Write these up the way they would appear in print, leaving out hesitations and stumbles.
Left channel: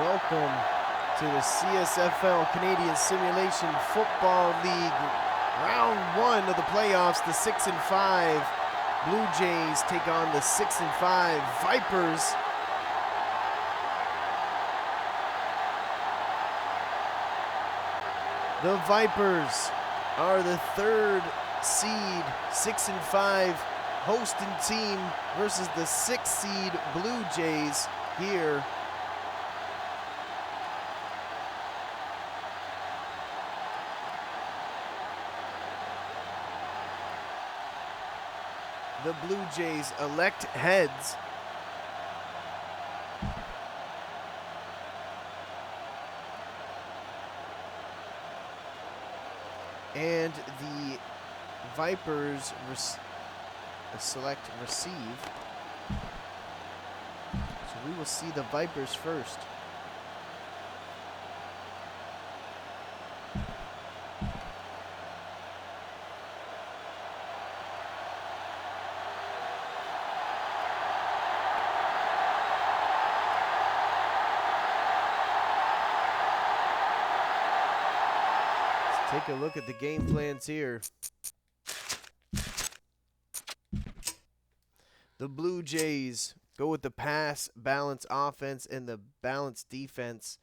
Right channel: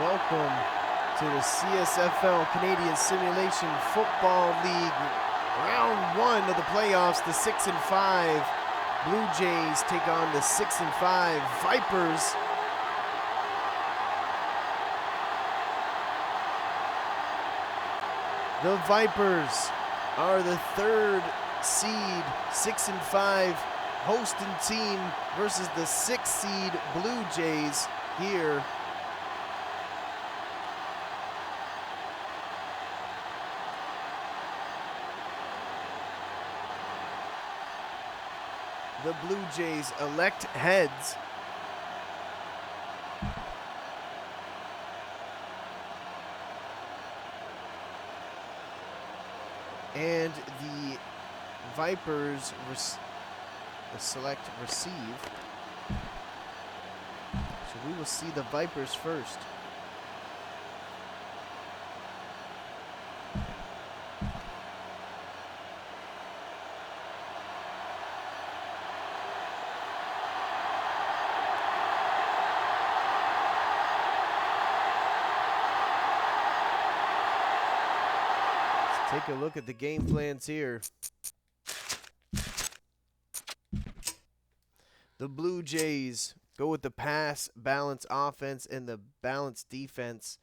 Welcome to the CSFL Canadian Simulation Football League Round 1 of the playoffs. The 6-5 Bluejays take on the 6-5 Vipers. The Vipers are the third seed 6-5 hosting team versus the 6th seed Bluejays here. The Bluejays elect heads. And the Vipers select receive. So we will see the Vipers first. Take a look at the game plans here. The Bluejays go with the pass balance offense and the balanced defense,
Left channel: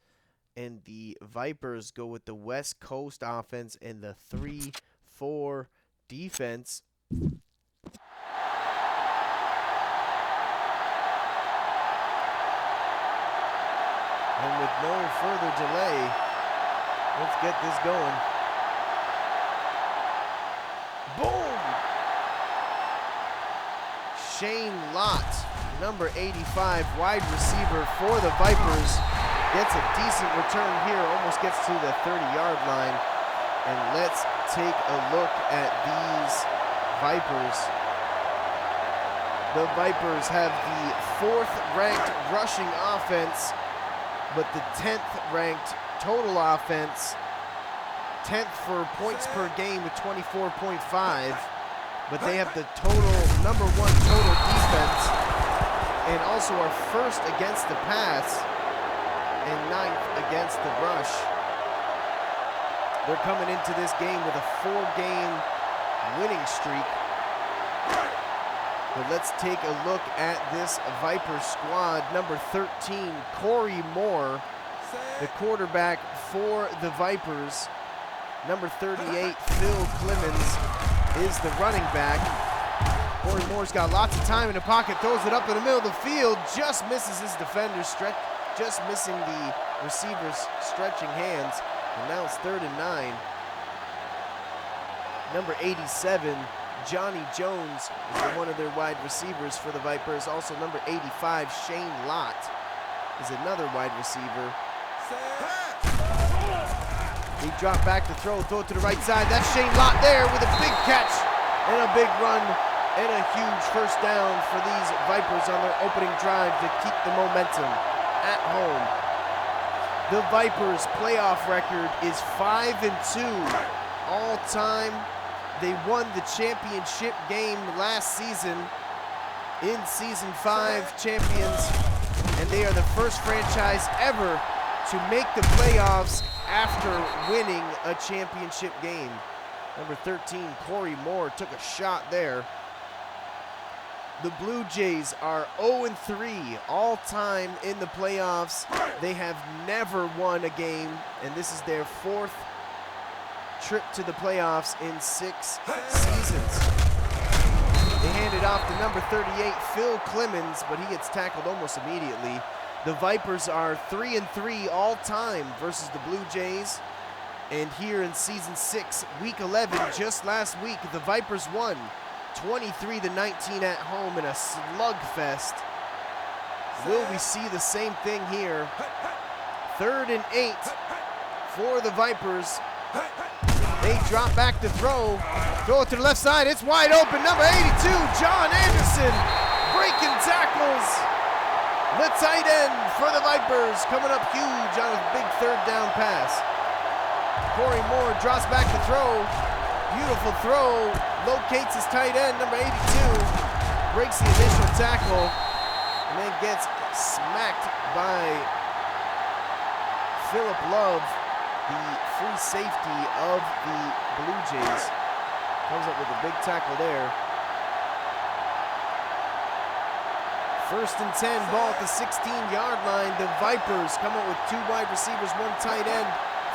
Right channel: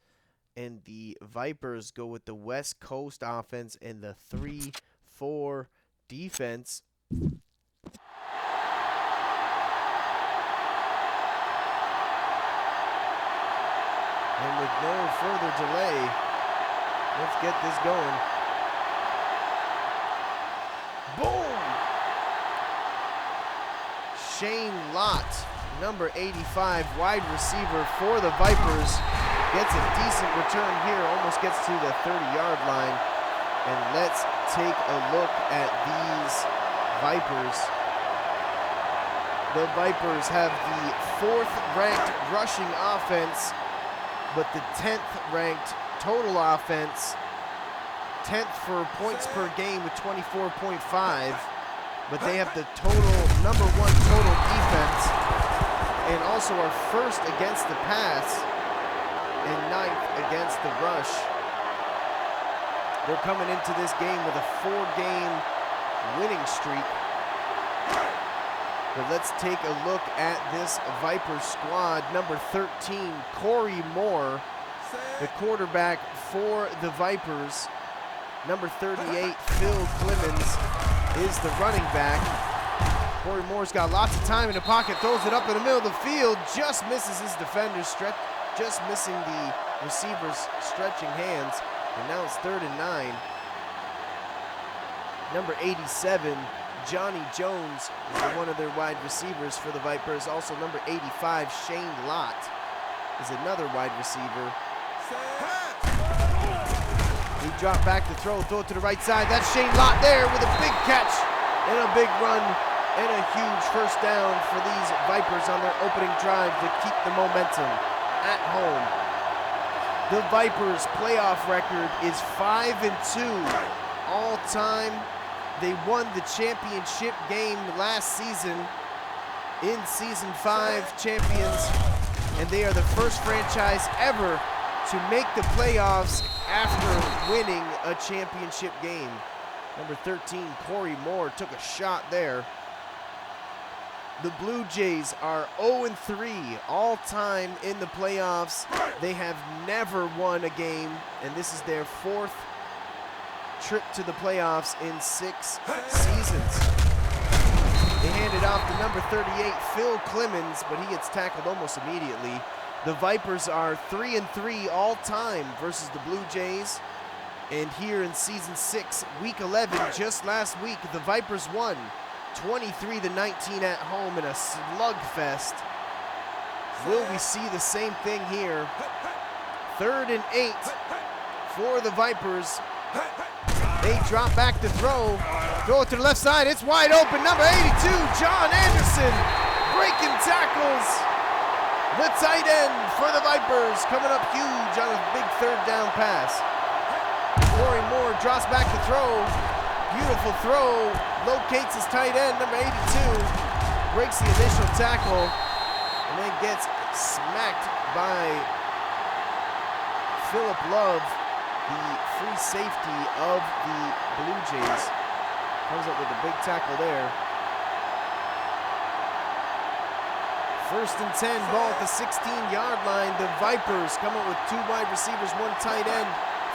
and the Vipers go with the West Coast offense and the 3-4 defense. And with no further delay, let's get this going. Boom! Shane Lott, number 85, wide receiver for the Vipers, gets a decent return here, almost gets to the 30-yard line. And let's take a look at these Vipers. The Vipers have the 4th ranked rushing offense, but the 10th ranked total offense. 10th for points per game with 24.5, but they have the number 1 total defense, and also are first against the pass and 9th against the rush. They're coming into this game with a 4-game winning streak. But let's take a look at this Viper squad. Number 13, Corey Moore, the quarterback for the Vipers. Number 38, Phil Clemens, is the running back. Corey Moore's got lots of time in the pocket, throws it up in the middle of the field, just misses his defender, just missing the receiver's stretching hands, and now it's 3rd and 9. Number 87, Johnny Jones, is one of their wide receivers for the Vipers. Also number 85, Shane Lott, is another wide receiver. He dropped back to throw it to the right side. That's Shane Lott there with a big catch and a big run and a huge first down for these Vipers on their opening drive to keep the momentum at home. The Vipers' playoff record is 5-2 all time. They won the championship game last season in Season 5 champions, and they are the first franchise ever to make the playoffs after winning a championship game. Number 13, Corey Moore, took a shot there. The Bluejays are 0-3 all time in the playoffs. They have never won a game, and this is their 4th trip to the playoffs in 6 seasons. They hand it off to number 38, Phil Clemens, but he gets tackled almost immediately. The Vipers are 3-3 all time versus the Bluejays. And here in Season 6, Week 11, just last week, the Vipers won 23-19 at home in a slugfest. Will we see the same thing here? 3rd and 8 for the Vipers. They drop back to throw it to the left side. It's wide open. Number 82, John Anderson, breaking tackles. The tight end for the Vipers coming up huge on a big 3rd down pass. Corey Moore drops back to throw. Beautiful throw. Locates his tight end, number 82. Breaks the initial tackle and then gets smacked by Philip Love, the free safety of the Blue Jays, comes up with a big tackle there. 1st and 10, ball at the 16-yard line. The Vipers come up with 2 wide receivers, 1 tight end,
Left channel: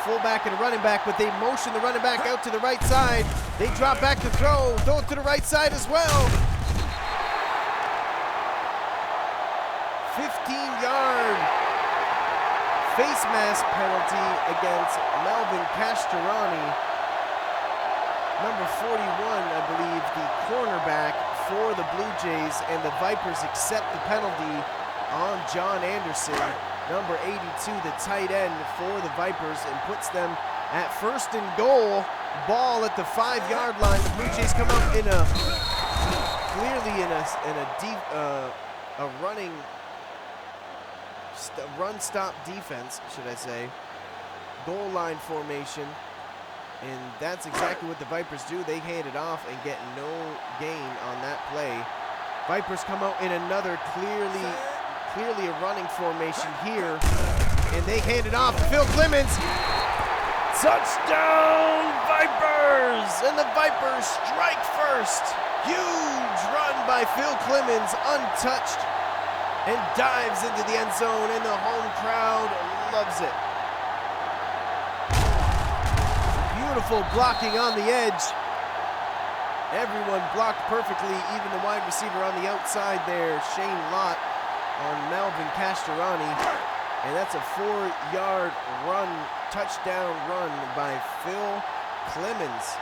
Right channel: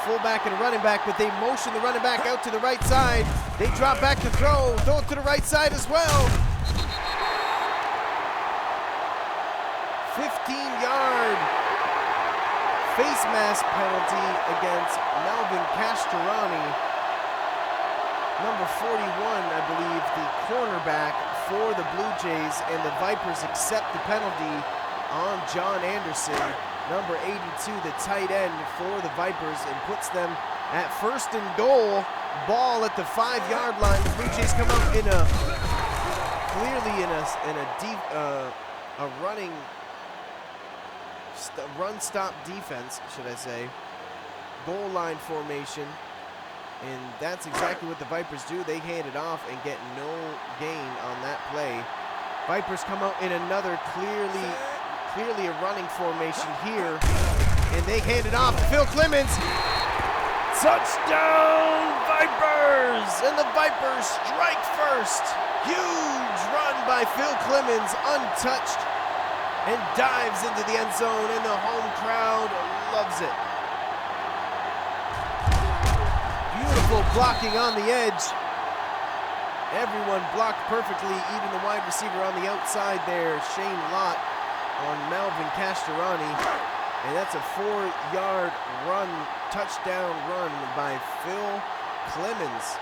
fullback and a running back, but they motion the running back out to the right side. They drop back to throw it to the right side as well. 15-yard face mask penalty against Melvin Castorani. Number 41, I believe, the cornerback for the Blue Jays, and the Vipers accept the penalty on John Anderson, number 82, the tight end for the Vipers, and puts them at 1st and goal. Ball at the 5-yard line. The Blue Jays come up in a clearly in a running run stop defense, should I say, goal line formation. And that's exactly what the Vipers do. They hand it off and get no gain on that play. Vipers come out in another clearly a running formation here. And they hand it off to Phil Clemens. Touchdown, Vipers! And the Vipers strike first. Huge run by Phil Clemens, untouched, and dives into the end zone, and the home crowd loves it. Beautiful blocking on the edge. Everyone blocked perfectly, even the wide receiver on the outside there, Shane Lott, on Melvin Castorani. And that's a 4-yard run, touchdown run by Phil Clemens.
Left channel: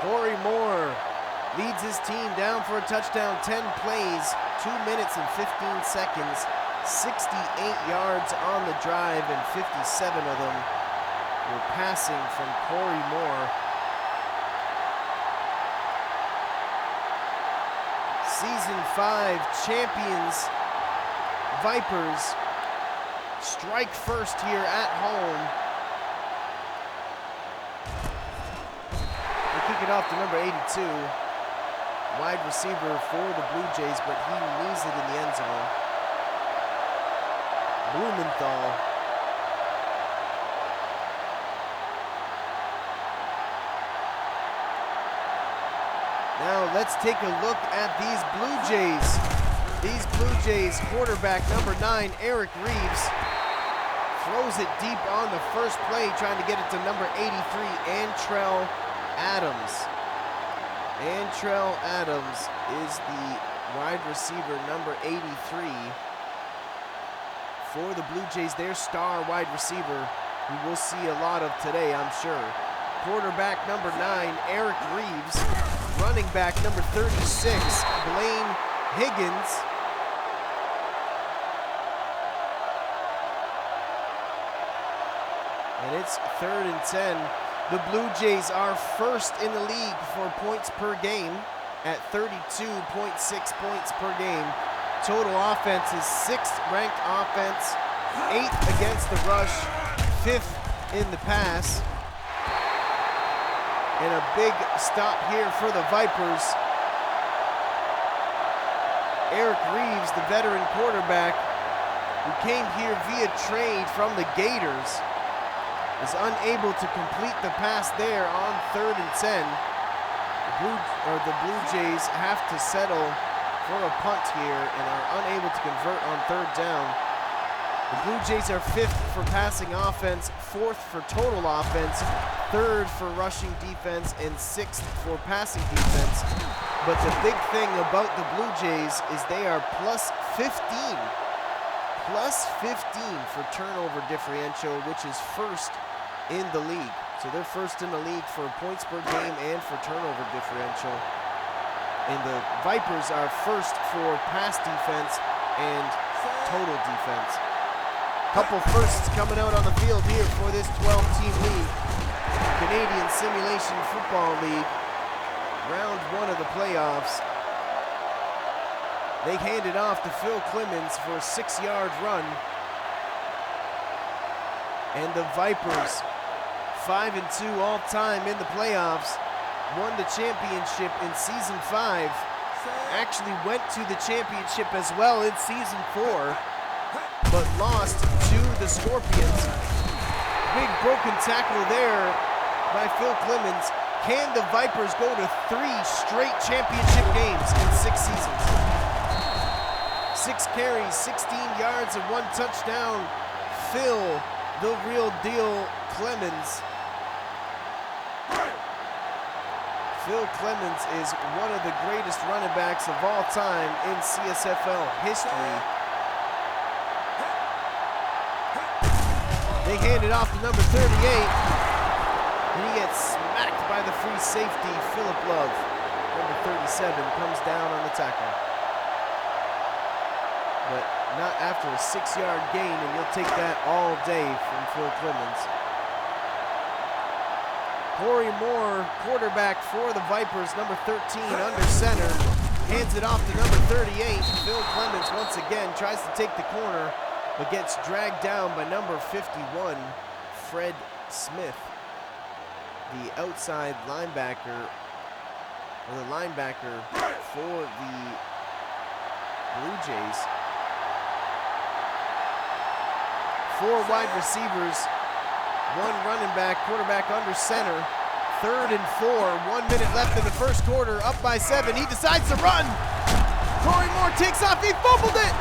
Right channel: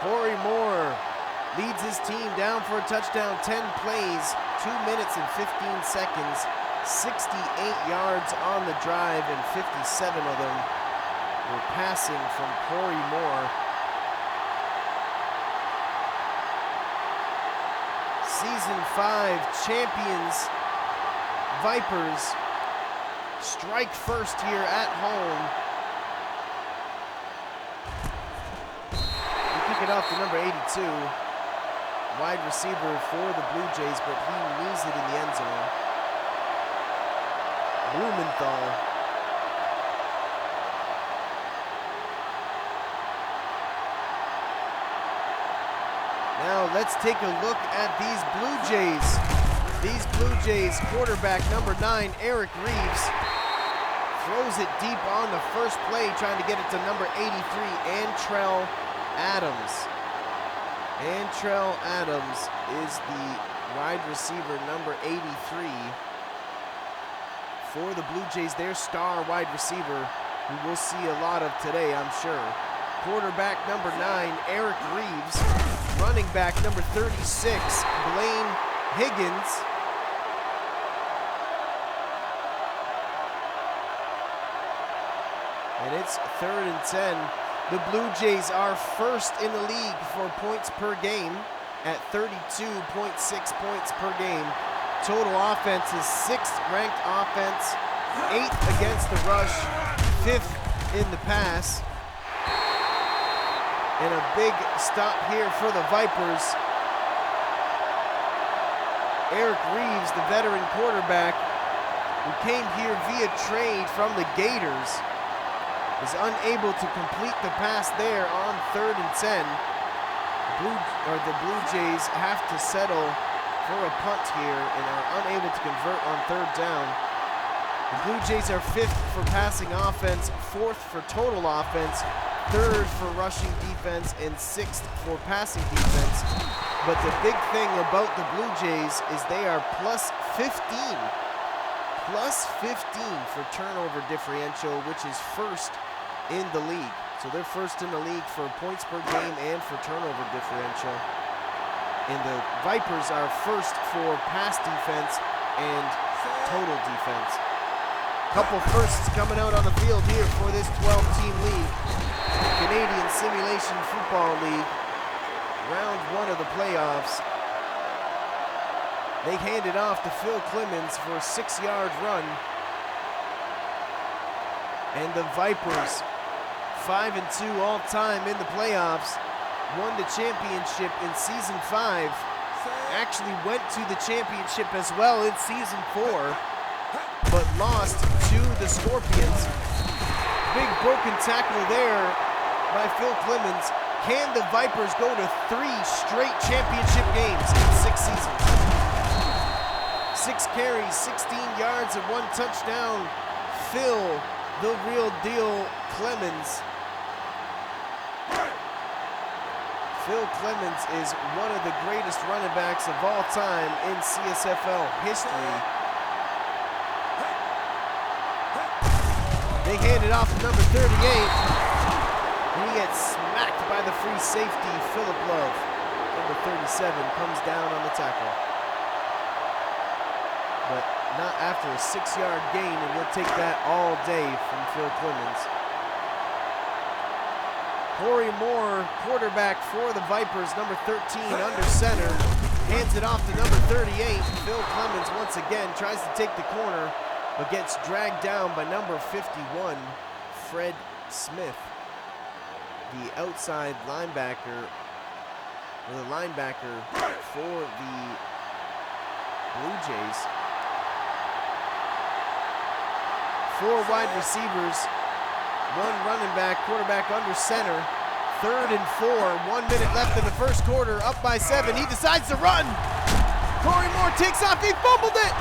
Corey Moore leads his team down for a touchdown, 10 plays, 2 minutes and 15 seconds, 68 yards on the drive, and 57 of them were passing from Corey Moore. Season 5 champions Vipers strike first here at home. Kick it off to number 82, wide receiver for the Blue Jays, but he knees it in the end zone. Blumenthal. Now let's take a look at these Blue Jays. These Blue Jays quarterback number 9, Eric Reeves, throws it deep on the first play, trying to get it to number 83, Antrell Adams. Antrell Adams is the wide receiver number 83 for the Blue Jays, their star wide receiver, who we'll see a lot of today, I'm sure. Quarterback number 9, Eric Reeves. Running back number 36, Blaine Higgins. And it's 3rd and 10. The Blue Jays are first in the league for points per game at 32.6 points per game. Total offense is 6th ranked offense, 8th against the rush, 5th in the pass. And a big stop here for the Vipers. Eric Reeves, the veteran quarterback who came here via trade from the Gators, is unable to complete the pass there on 3rd and 10. The Blue Jays have to settle for a punt here and are unable to convert on 3rd down. The Blue Jays are 5th for passing offense, 4th for total offense, 3rd for rushing defense, and 6th for passing defense. But the big thing about the Blue Jays is they are plus 15 for turnover differential, which is 1st in the league. So they're 1st in the league for points per game and for turnover differential. And the Vipers are 1st for pass defense and total defense. Couple firsts coming out on the field here for this 12-team league. Canadian Simulation Football League, round 1 of the playoffs. They hand it off to Phil Clemens for a 6-yard run. And the Vipers, 5-2 all time in the playoffs, won the championship in season 5, actually went to the championship as well in season 4, but lost to the Scorpions. Big broken tackle there by Phil Clemens. Can the Vipers go to 3 straight championship games in 6 seasons? 6 carries, 16 yards, and 1 touchdown. Phil, the real deal, Clemens. Phil Clemens is one of the greatest running backs of all time in CSFL history. They hand it off to number 38, and he gets smacked by the free safety, Philip Love. Number 37 comes down on the tackle. But not after a 6-yard gain, and you'll take that all day from Phil Clemens. Corey Moore, quarterback for the Vipers, number 13 under center, hands it off to number 38. Phil Clemens once again tries to take the corner, but gets dragged down by number 51, Fred Smith, the outside linebacker, or the linebacker for the Bluejays. 4 wide receivers, 1 running back, quarterback under center. 3rd and 4, 1 minute left in the first quarter, up by 7. He decides to run. Corey Moore takes off, he fumbled it.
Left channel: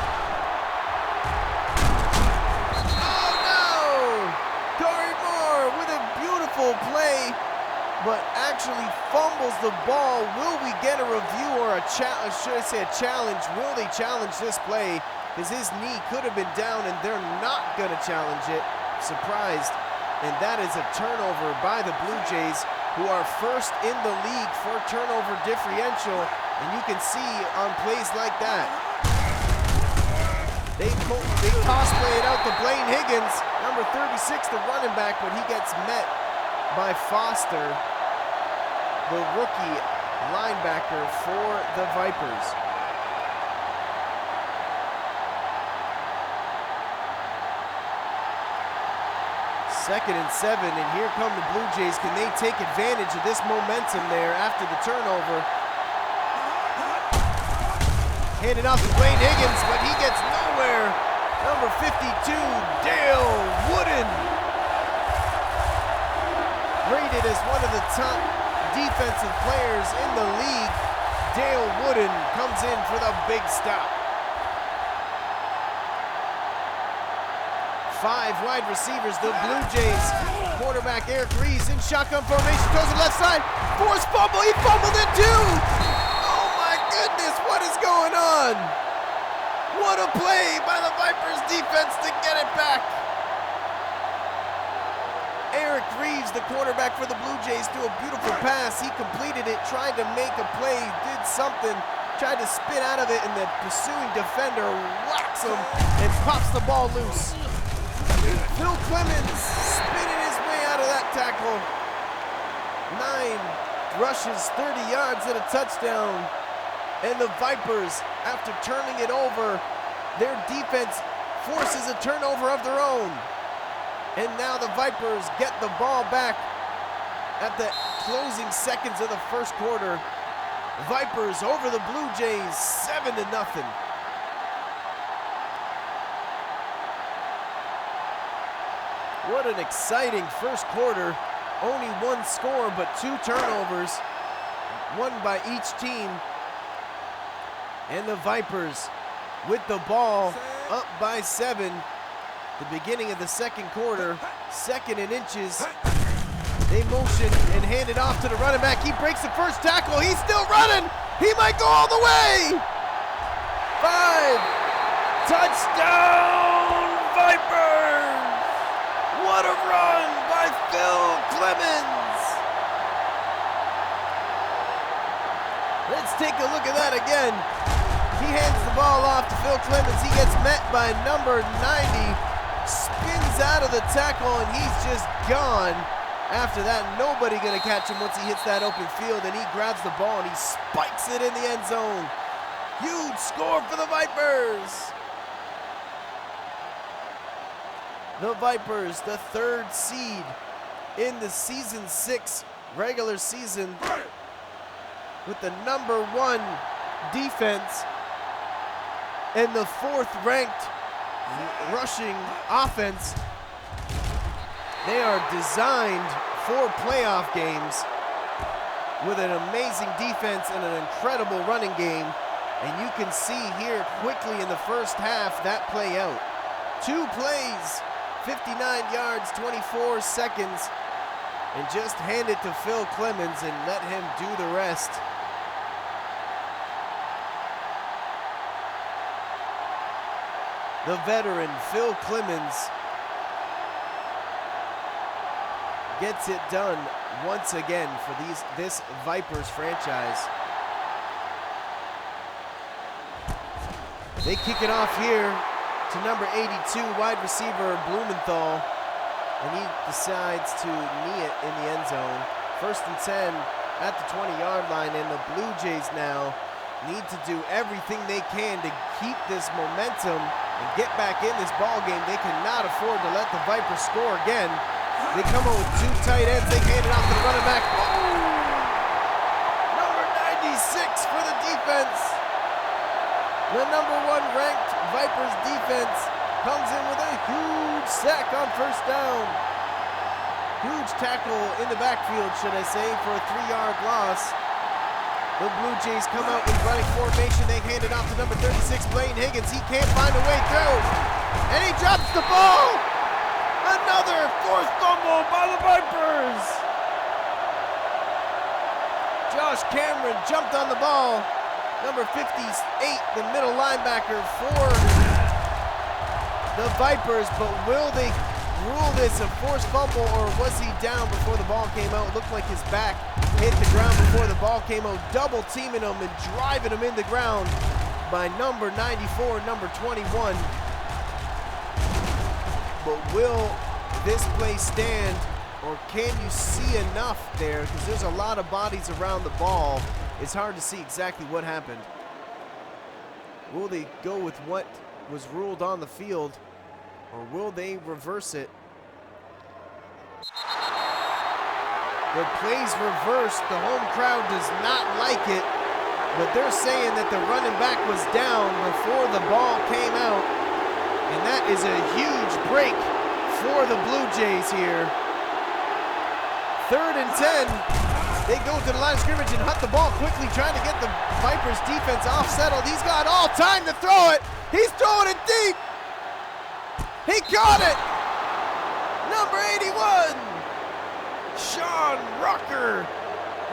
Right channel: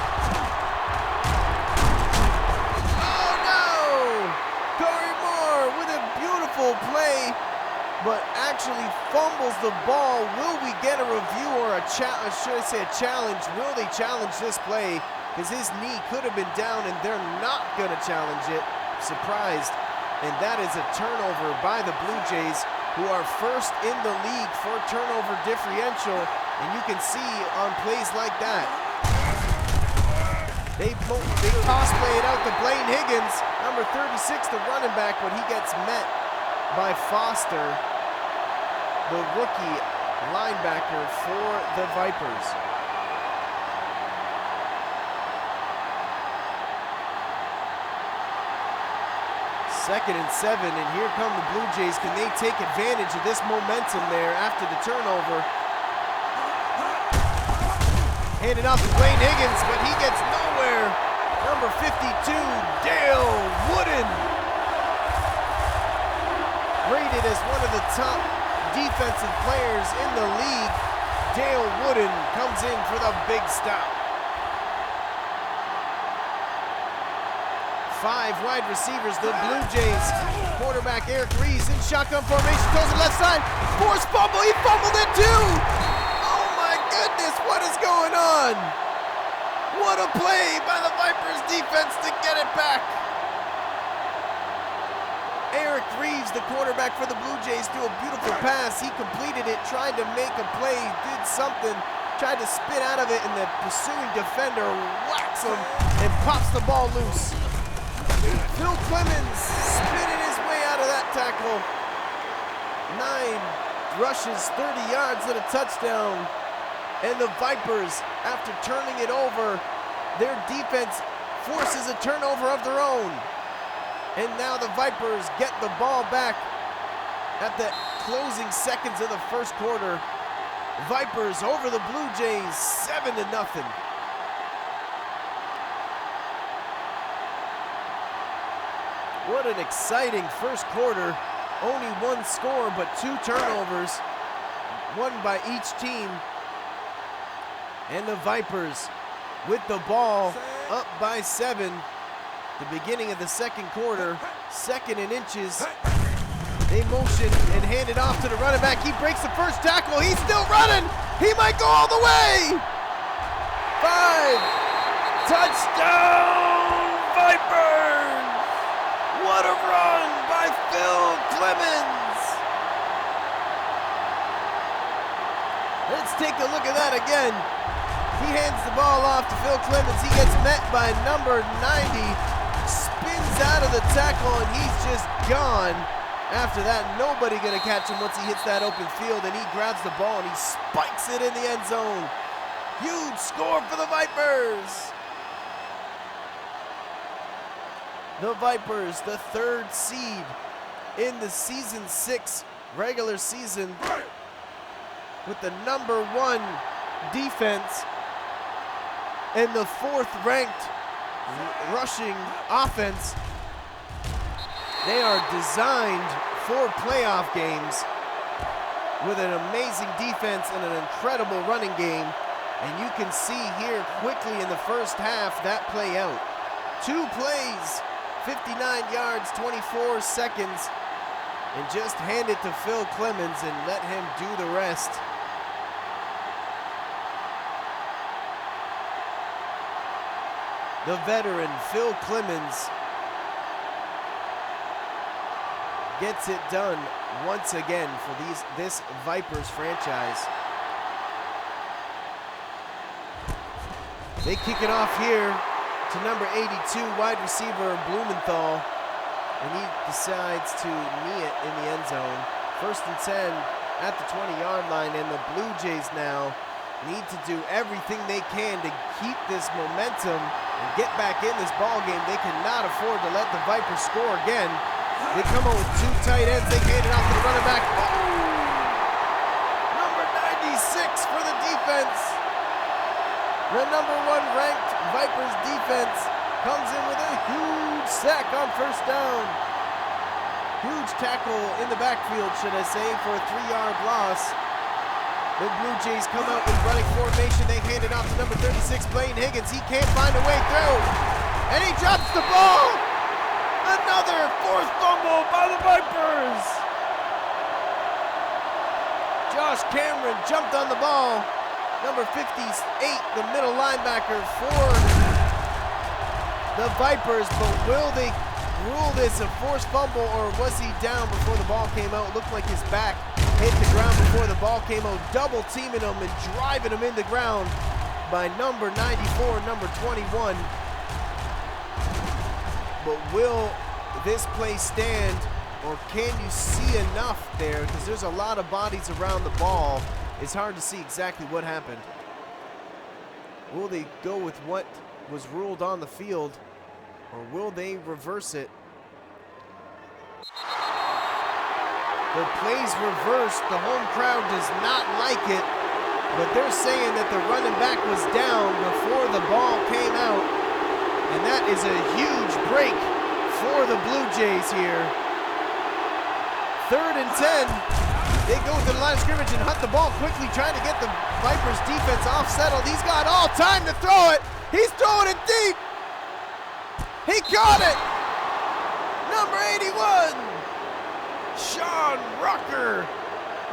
Oh no! Corey Moore with a beautiful play, but actually fumbles the ball. Will we get a review or a challenge? Will they challenge this play? Because his knee could have been down and they're not gonna challenge it. Surprised. And that is a turnover by the Bluejays, who are first in the league for turnover differential. And you can see on plays like that, they toss play it out to Blaine Higgins, number 36, the running back, but he gets met by Foster, the rookie linebacker for the Vipers. 2nd and 7, and here come the Bluejays. Can they take advantage of this momentum there after the turnover? Handed off to Blaine Higgins, but he gets nowhere. Number 52, Dale Wooden. Rated as one of the top defensive players in the league. Dale Wooden comes in for the big stop. 5 wide receivers, the Bluejays. Quarterback Eric Reeves in shotgun formation, throws it left side. Forced fumble, he fumbled it too. Oh my goodness, what is going on? What a play by the Vipers defense to get it back. Eric Reeves, the quarterback for the Bluejays, threw a beautiful pass. He completed it, tried to make a play, did something, tried to spin out of it, and the pursuing defender whacks him and pops the ball loose. Phil Clemens spinning his way out of that tackle. 9 rushes, 30 yards and a touchdown. And the Vipers, after turning it over, their defense forces a turnover of their own. And now the Vipers get the ball back at the closing seconds of the first quarter. Vipers over the Bluejays, 7-0. What an exciting first quarter. Only 1 score, but 2 turnovers, 1 by each team. And the Vipers with the ball up by 7. The beginning of the second quarter, 2nd and inches. They motion and hand it off to the running back. He breaks the first tackle. He's still running. He might go all the way. 5. Touchdown, Vipers. What a run by Phil Clemens. Let's take a look at that again. He hands the ball off to Phil Clemens. He gets met by number 90, spins out of the tackle, and he's just gone. After that, nobody gonna catch him once he hits that open field, and he grabs the ball and he spikes it in the end zone. Huge score for the Vipers. The Vipers, the 3rd seed in the Season 6 regular season with the #1 defense and the 4th ranked rushing offense. They are designed for playoff games with an amazing defense and an incredible running game. And you can see here quickly in the first half that play out. 2 plays, 59 yards, 24 seconds, and just hand it to Phil Clemens and let him do the rest. The veteran Phil Clemens gets it done once again for this Vipers franchise. They kick it off here to number 82, wide receiver Blumenthal, and he decides to knee it in the end zone. 1st and 10 at the 20-yard line, and the Bluejays now need to do everything they can to keep this momentum and get back in this ball game. They cannot afford to let the Vipers score again. They come out with 2 tight ends. They hand it off to the running back. Boom! Number 96 for the defense. The #1 ranked Vipers defense comes in with a huge sack on 1st down. Huge tackle in the backfield, should I say, for a 3-yard loss. The Bluejays come out in running formation. They hand it off to number 36, Blaine Higgins. He can't find a way through, and he drops the ball. Another forced fumble by the Vipers. Josh Cameron jumped on the ball. Number 58, the middle linebacker for the Vipers, but will they rule this a forced fumble, or was he down before the ball came out? It looked like his back hit the ground before the ball came out, double teaming him and driving him in the ground by number 94, number 21. But will this play stand, or can you see enough there? Because there's a lot of bodies around the ball. It's hard to see exactly what happened. Will they go with what was ruled on the field, or will they reverse it? The play's reversed. The home crowd does not like it, but they're saying that the running back was down before the ball came out, and that is a huge break for the Bluejays here. 3rd and 10. They go to the line of scrimmage and hunt the ball quickly, trying to get the Vipers defense off settled. He's got all time to throw it. He's throwing it deep. He caught it. Number 81, Sean Rucker,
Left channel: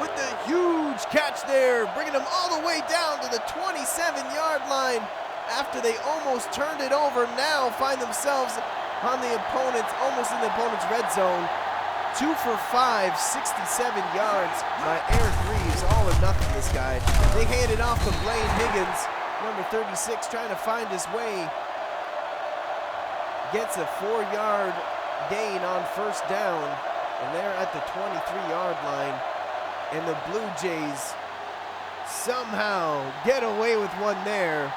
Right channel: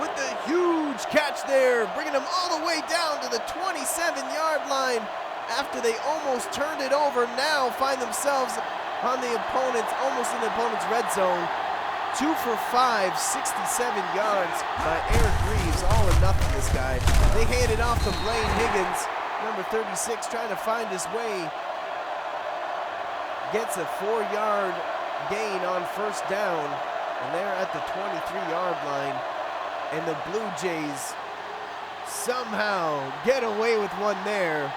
with the huge catch there, bringing him all the way down to the 27-yard line after they almost turned it over. Now find themselves on the opponent's, almost in the opponent's red zone. 2 for 5, 67 yards by Eric Reeves. All or nothing, this guy. They hand it off to Blaine Higgins, number 36, trying to find his way. Gets a 4-yard gain on 1st down, and they're at the 23-yard line. And the Bluejays somehow get away with one there.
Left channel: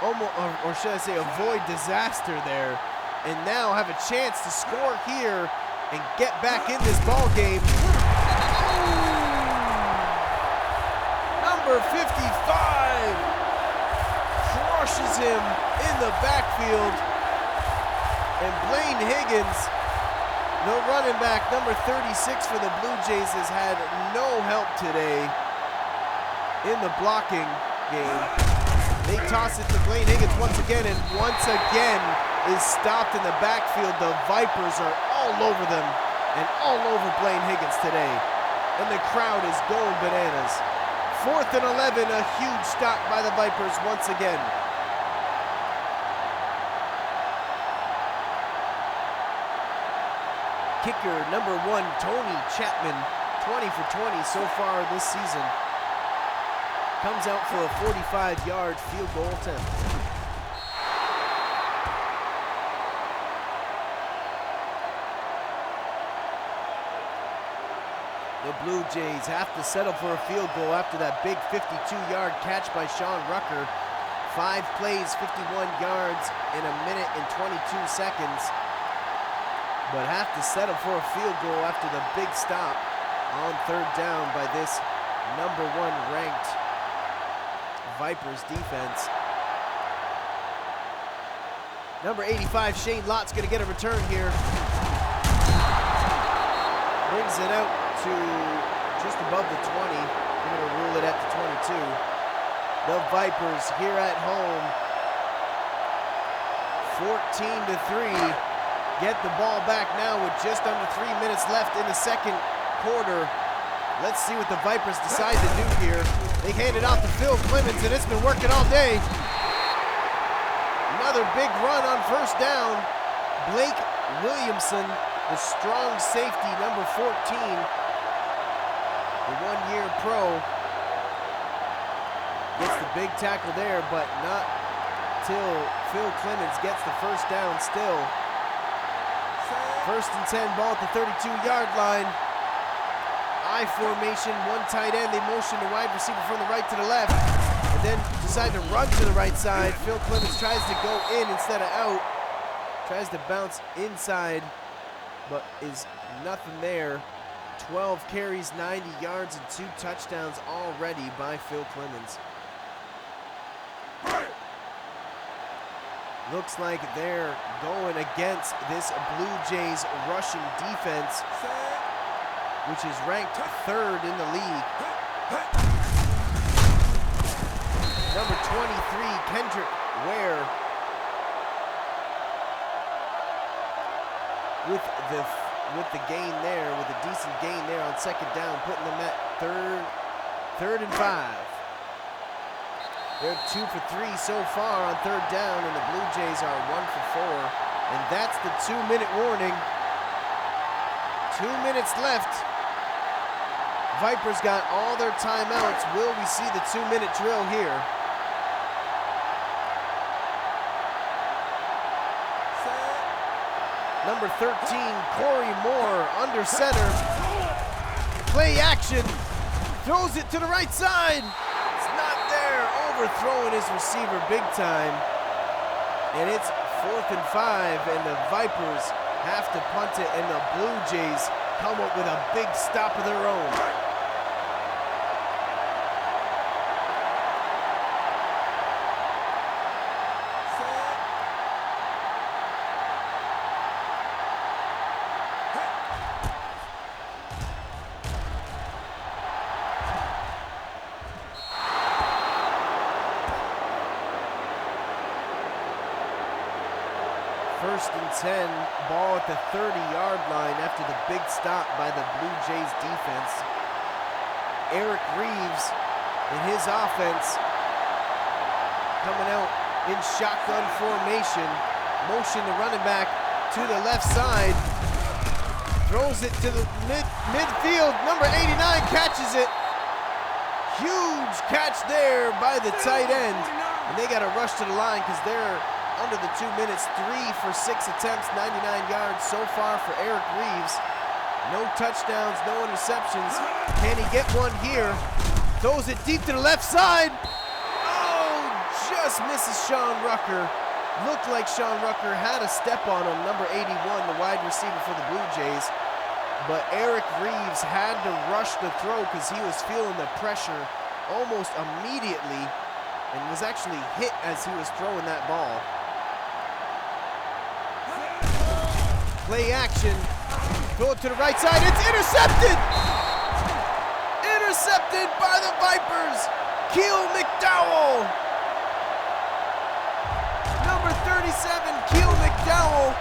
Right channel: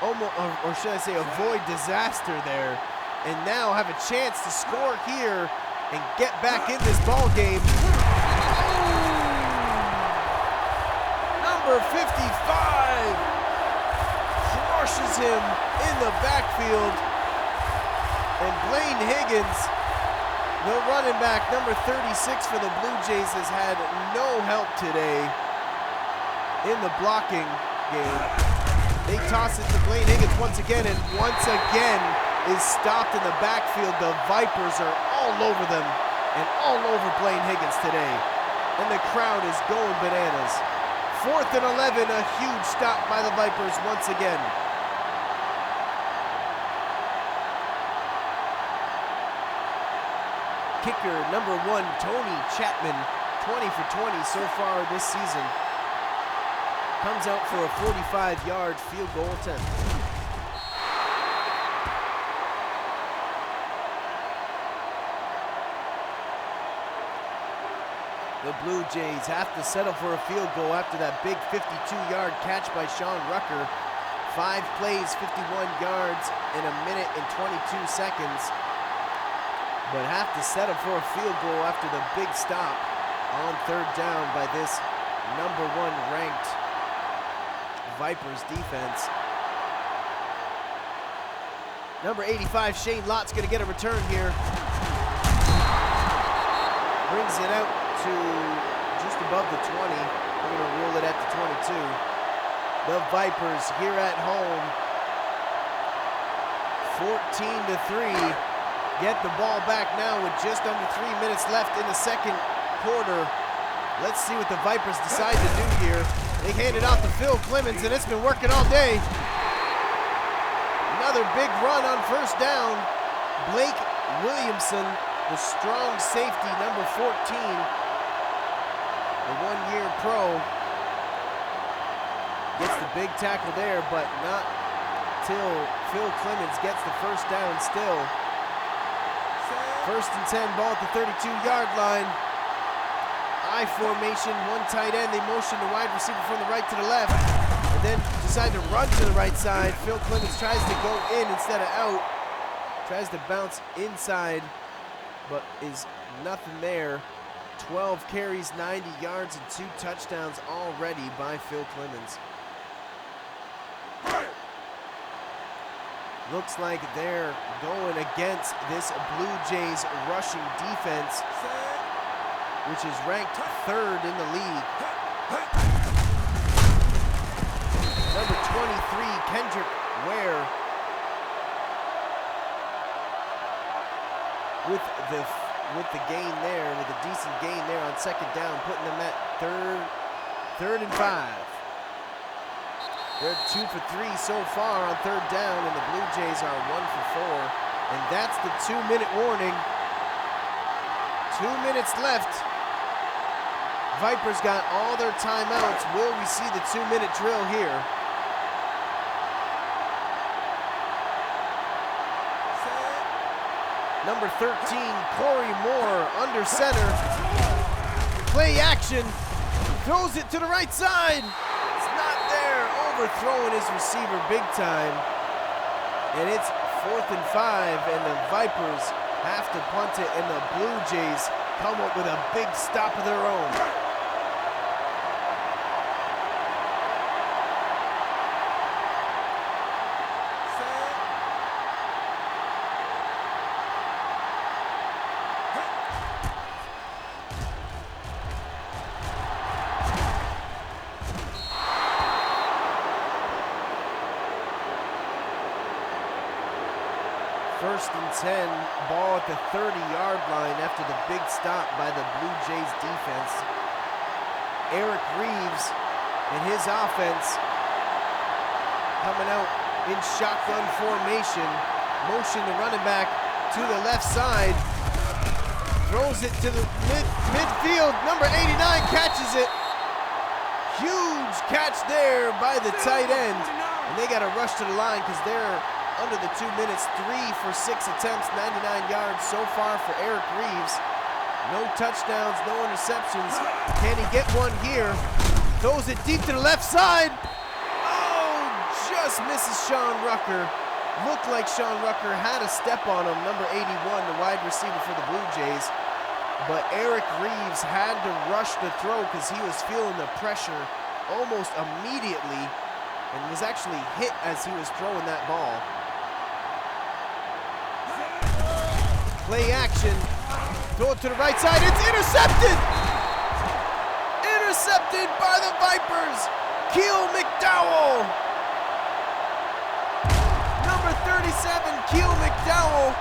Almost, or should I say, avoid disaster there, and now have a chance to score here and get back in this ball game. Oh! Number 55 crushes him in the backfield, and Blaine Higgins, the running back, number 36 for the Bluejays, has had no help today in the blocking game. They toss it to Blaine Higgins once again, and once again is stopped in the backfield. The Vipers are all over them and all over Blaine Higgins today, and the crowd is going bananas. 4th and 11, a huge stop by the Vipers once again. Kicker number 1, Tony Chapman, 20 for 20 so far this season. Comes out for a 45-yard field goal attempt. The Blue Jays have to settle for a field goal after that big 52-yard catch by Sean Rucker. 5 plays, 51 yards in a minute and 22 seconds. But have to settle for a field goal after the big stop on 3rd down by this #1 ranked Vipers defense. Number 85, Shane Lott's gonna get a return here. Brings it out to just above the 20. They're gonna rule it at the 22. The Vipers here at home, 14-3. Get the ball back now with just under 3 minutes left in the second quarter. Let's see what the Vipers decide to do here. They hand it off to Phil Clemens, and it's been working all day. Another big run on 1st down. Blake Williamson, the strong safety, number 14, the 1-year pro, gets the big tackle there, but not till Phil Clemens gets the 1st down still. 1st and 10, ball at the 32-yard line. I formation, 1 tight end. They motion the wide receiver from the right to the left, and then decide to run to the right side. Phil Clemens tries to go in instead of out. Tries to bounce inside, but is nothing there. 12 carries, 90 yards, and 2 touchdowns already by Phil Clemens. Looks like they're going against this Blue Jays rushing defense, which is ranked 3rd in the league. Number 23, Kendrick Ware, with the gain there, with a decent gain there on 2nd down, putting them at third and 5. They're 2 for 3 so far on 3rd down, and the Blue Jays are 1 for 4. And that's the 2-minute warning. 2 minutes left. Vipers got all their timeouts. Will we see the 2-minute drill here? Number 13, Corey Moore, under center. Play action. Throws it to the right side. It's not there. Overthrowing his receiver big time. And it's 4th and 5, and the Vipers have to punt it, and the Blue Jays come up with a big stop of their own. First and 10, ball at the 30-yard line after the big stop by the Blue Jays defense. Eric Reeves and his offense coming out in shotgun formation. Motion the running back to the left side. Throws it to the midfield. Number 89 catches it. Huge catch there by the tight end. And they got to rush to the line because they're under the 2 minutes. 3 for 6 attempts, 99 yards so far for Eric Reeves. No touchdowns, no interceptions. Can he get one here? Throws it deep to the left side. Oh, just misses Sean Rucker. Looked like Sean Rucker had a step on him, number 81, the wide receiver for the Blue Jays. But Eric Reeves had to rush the throw because he was feeling the pressure almost immediately and was actually hit as he was throwing that ball. Play action. Throw it to the right side. It's intercepted! Intercepted by the Vipers. Keel McDowell. Number 37, Keel McDowell,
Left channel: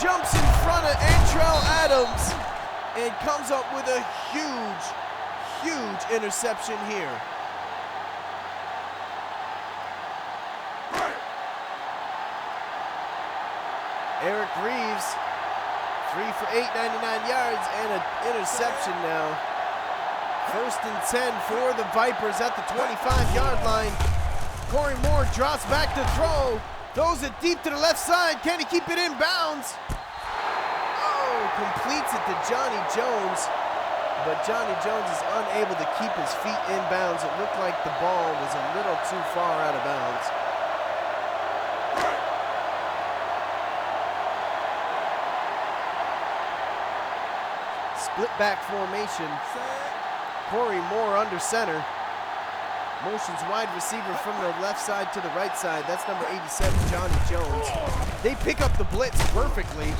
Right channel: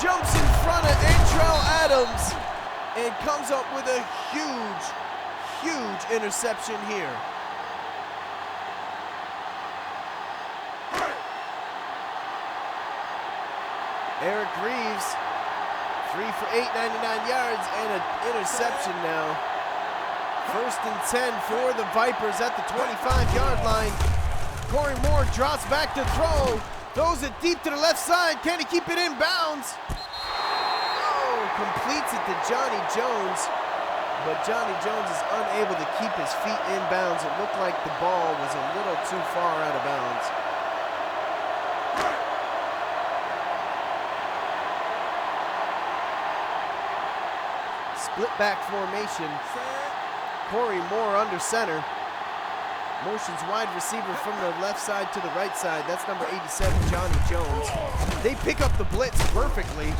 jumps in front of Antrell Adams and comes up with a huge, huge interception here. Eric Reeves, 3 for 8, 99 yards, and an interception now. First and 10 for the Vipers at the 25-yard line. Corey Moore drops back to throw, throws it deep to the left side. Can he keep it in bounds? Oh, completes it to Johnny Jones. but Johnny Jones is unable to keep his feet in bounds. It looked like the ball was a little too far out of bounds. Split back formation. Corey Moore under center. Motions wide receiver from the left side to the right side. That's number 87, Johnny Jones. They pick up the blitz perfectly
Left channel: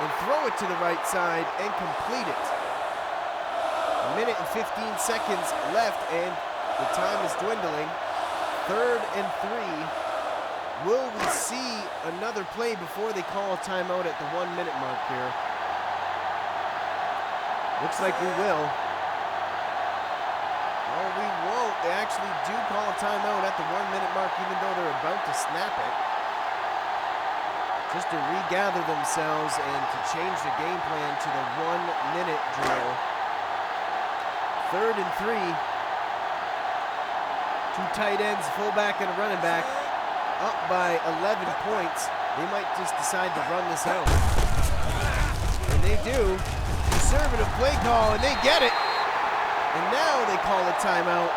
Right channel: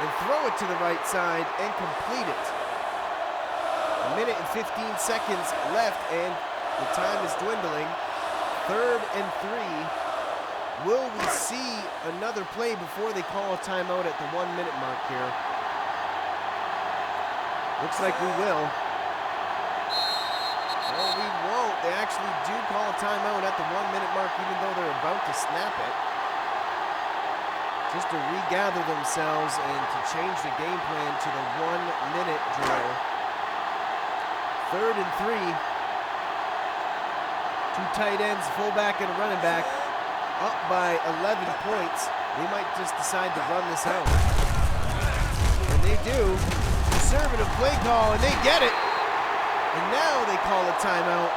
and throw it to the right side and complete it. 1 minute and 15 seconds left, and the time is dwindling. 3rd and 3. Will we see another play before they call a timeout at the 1 minute mark here? Looks like we will. Oh, we won't. They actually do call a timeout at the 1 minute mark, even though they're about to snap it. Just to regather themselves and to change the game plan to the 1 minute drill. 3rd and 3. 2 tight ends, fullback and a running back, up by 11 points. They might just decide to run this out. And they do. Conservative play call, and they get it. And now they call a timeout.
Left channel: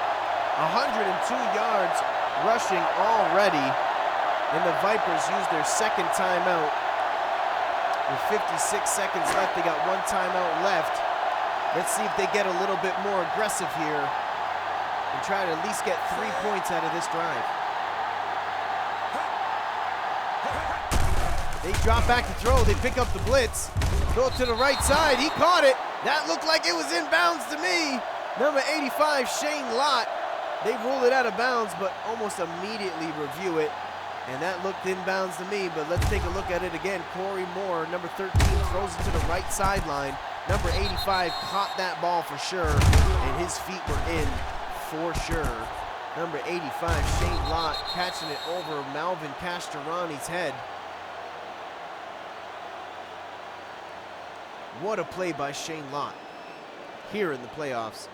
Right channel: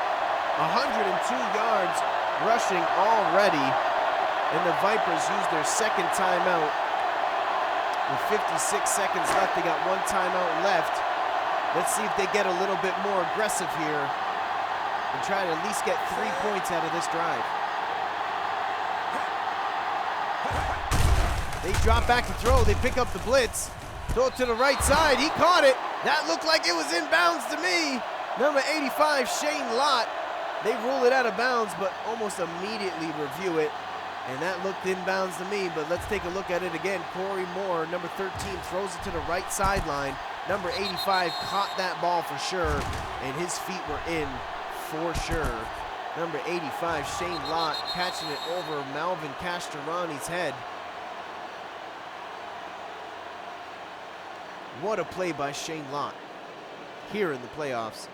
102 yards rushing already. And the Vipers use their second timeout. With 56 seconds left, they got 1 timeout left. Let's see if they get a little bit more aggressive here and try to at least get 3 points out of this drive. They drop back to throw. They pick up the blitz. Throw it to the right side. He caught it. That looked like it was in bounds to me. Number 85, Shane Lott. They rule it out of bounds, but almost immediately review it. And that looked in bounds to me, but let's take a look at it again. Corey Moore, number 13, throws it to the right sideline. Number 85 caught that ball for sure, and his feet were in for sure. Number 85, Shane Lott, catching it over Malvin Castorani's head. What a play by Shane Lott here in the playoffs.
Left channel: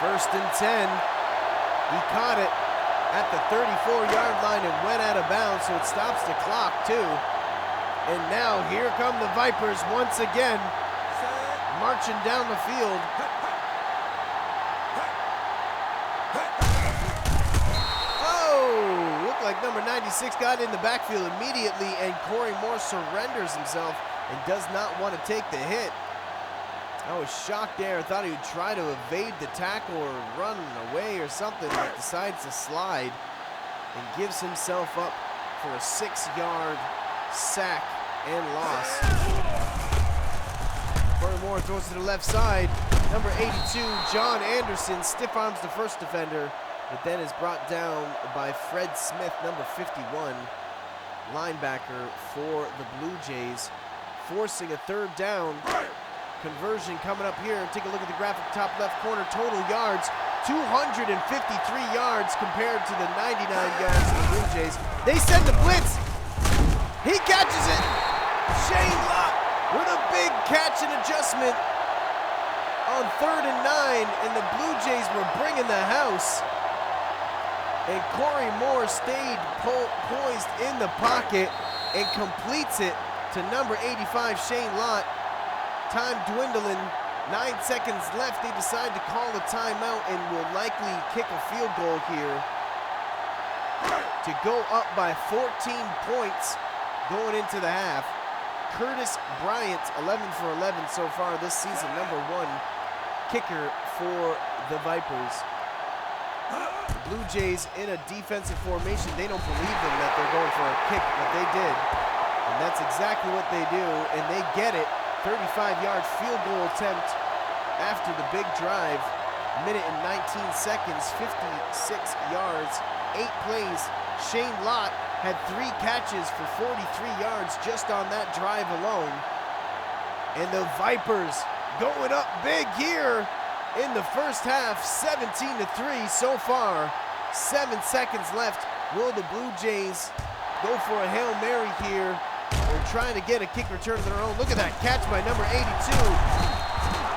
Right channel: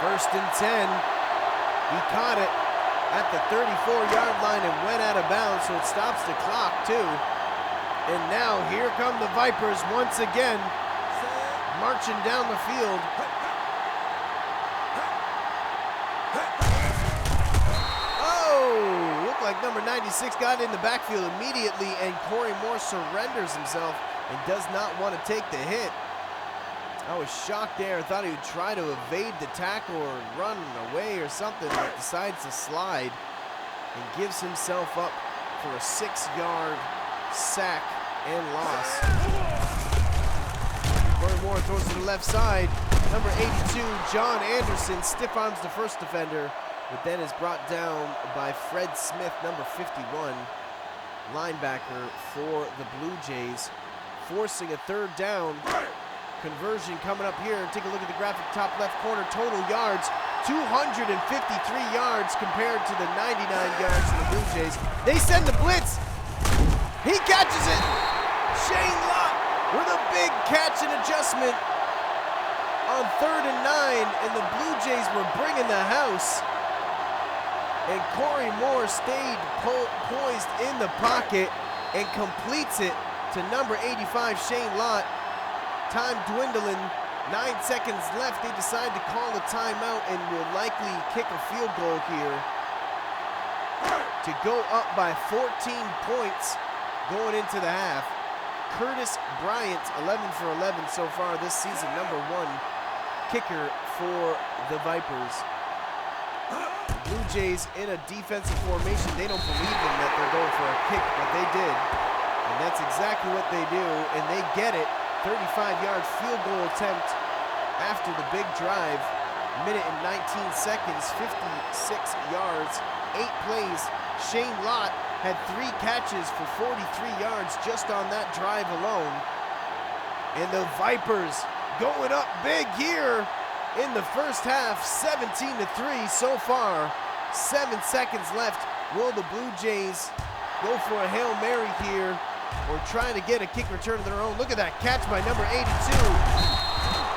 First and 10. He caught it at the 34-yard line and went out of bounds, so it stops the clock too. And now here come the Vipers once again, marching down the field. Oh, looked like number 96 got in the backfield immediately, and Corey Moore surrenders himself and does not want to take the hit. I was shocked there. I thought he would try to evade the tackle or run away or something, but decides to slide and gives himself up for a 6-yard sack and loss. Corey Moore throws to the left side. Number 82, John Anderson, stiff arms the first defender, but then is brought down by Fred Smith, number 51, linebacker for the Blue Jays, forcing a 3rd down. Conversion coming up here. Take a look at the graphic top left corner. Total yards, 253 yards compared to the 99 yards of the Blue Jays. They send the blitz. He catches it. Shane Lott with a big catch and adjustment on 3rd and 9, and the Blue Jays were bringing the house. And Corey Moore stayed poised in the pocket and completes it to number 85, Shane Lott. Time dwindling, 9 seconds left. They decide to call a timeout and will likely kick a field goal here to go up by 14 points going into the half. Curtis Bryant, 11 for 11 so far this season, number 1 kicker for the Vipers. The Blue Jays in a defensive formation. They don't believe them that they're going for a kick, but they did. And that's exactly what they do, and they get it. 35-yard field goal attempt after the big drive. 1 minute and 19 seconds, 56 yards, 8 plays. Shane Lott had 3 catches for 43 yards just on that drive alone. And the Vipers going up big here in the first half, 17-3 so far. 7 seconds left. Will the Blue Jays go for a Hail Mary here, or trying to get a kick return of their own? Look at that catch by number 82.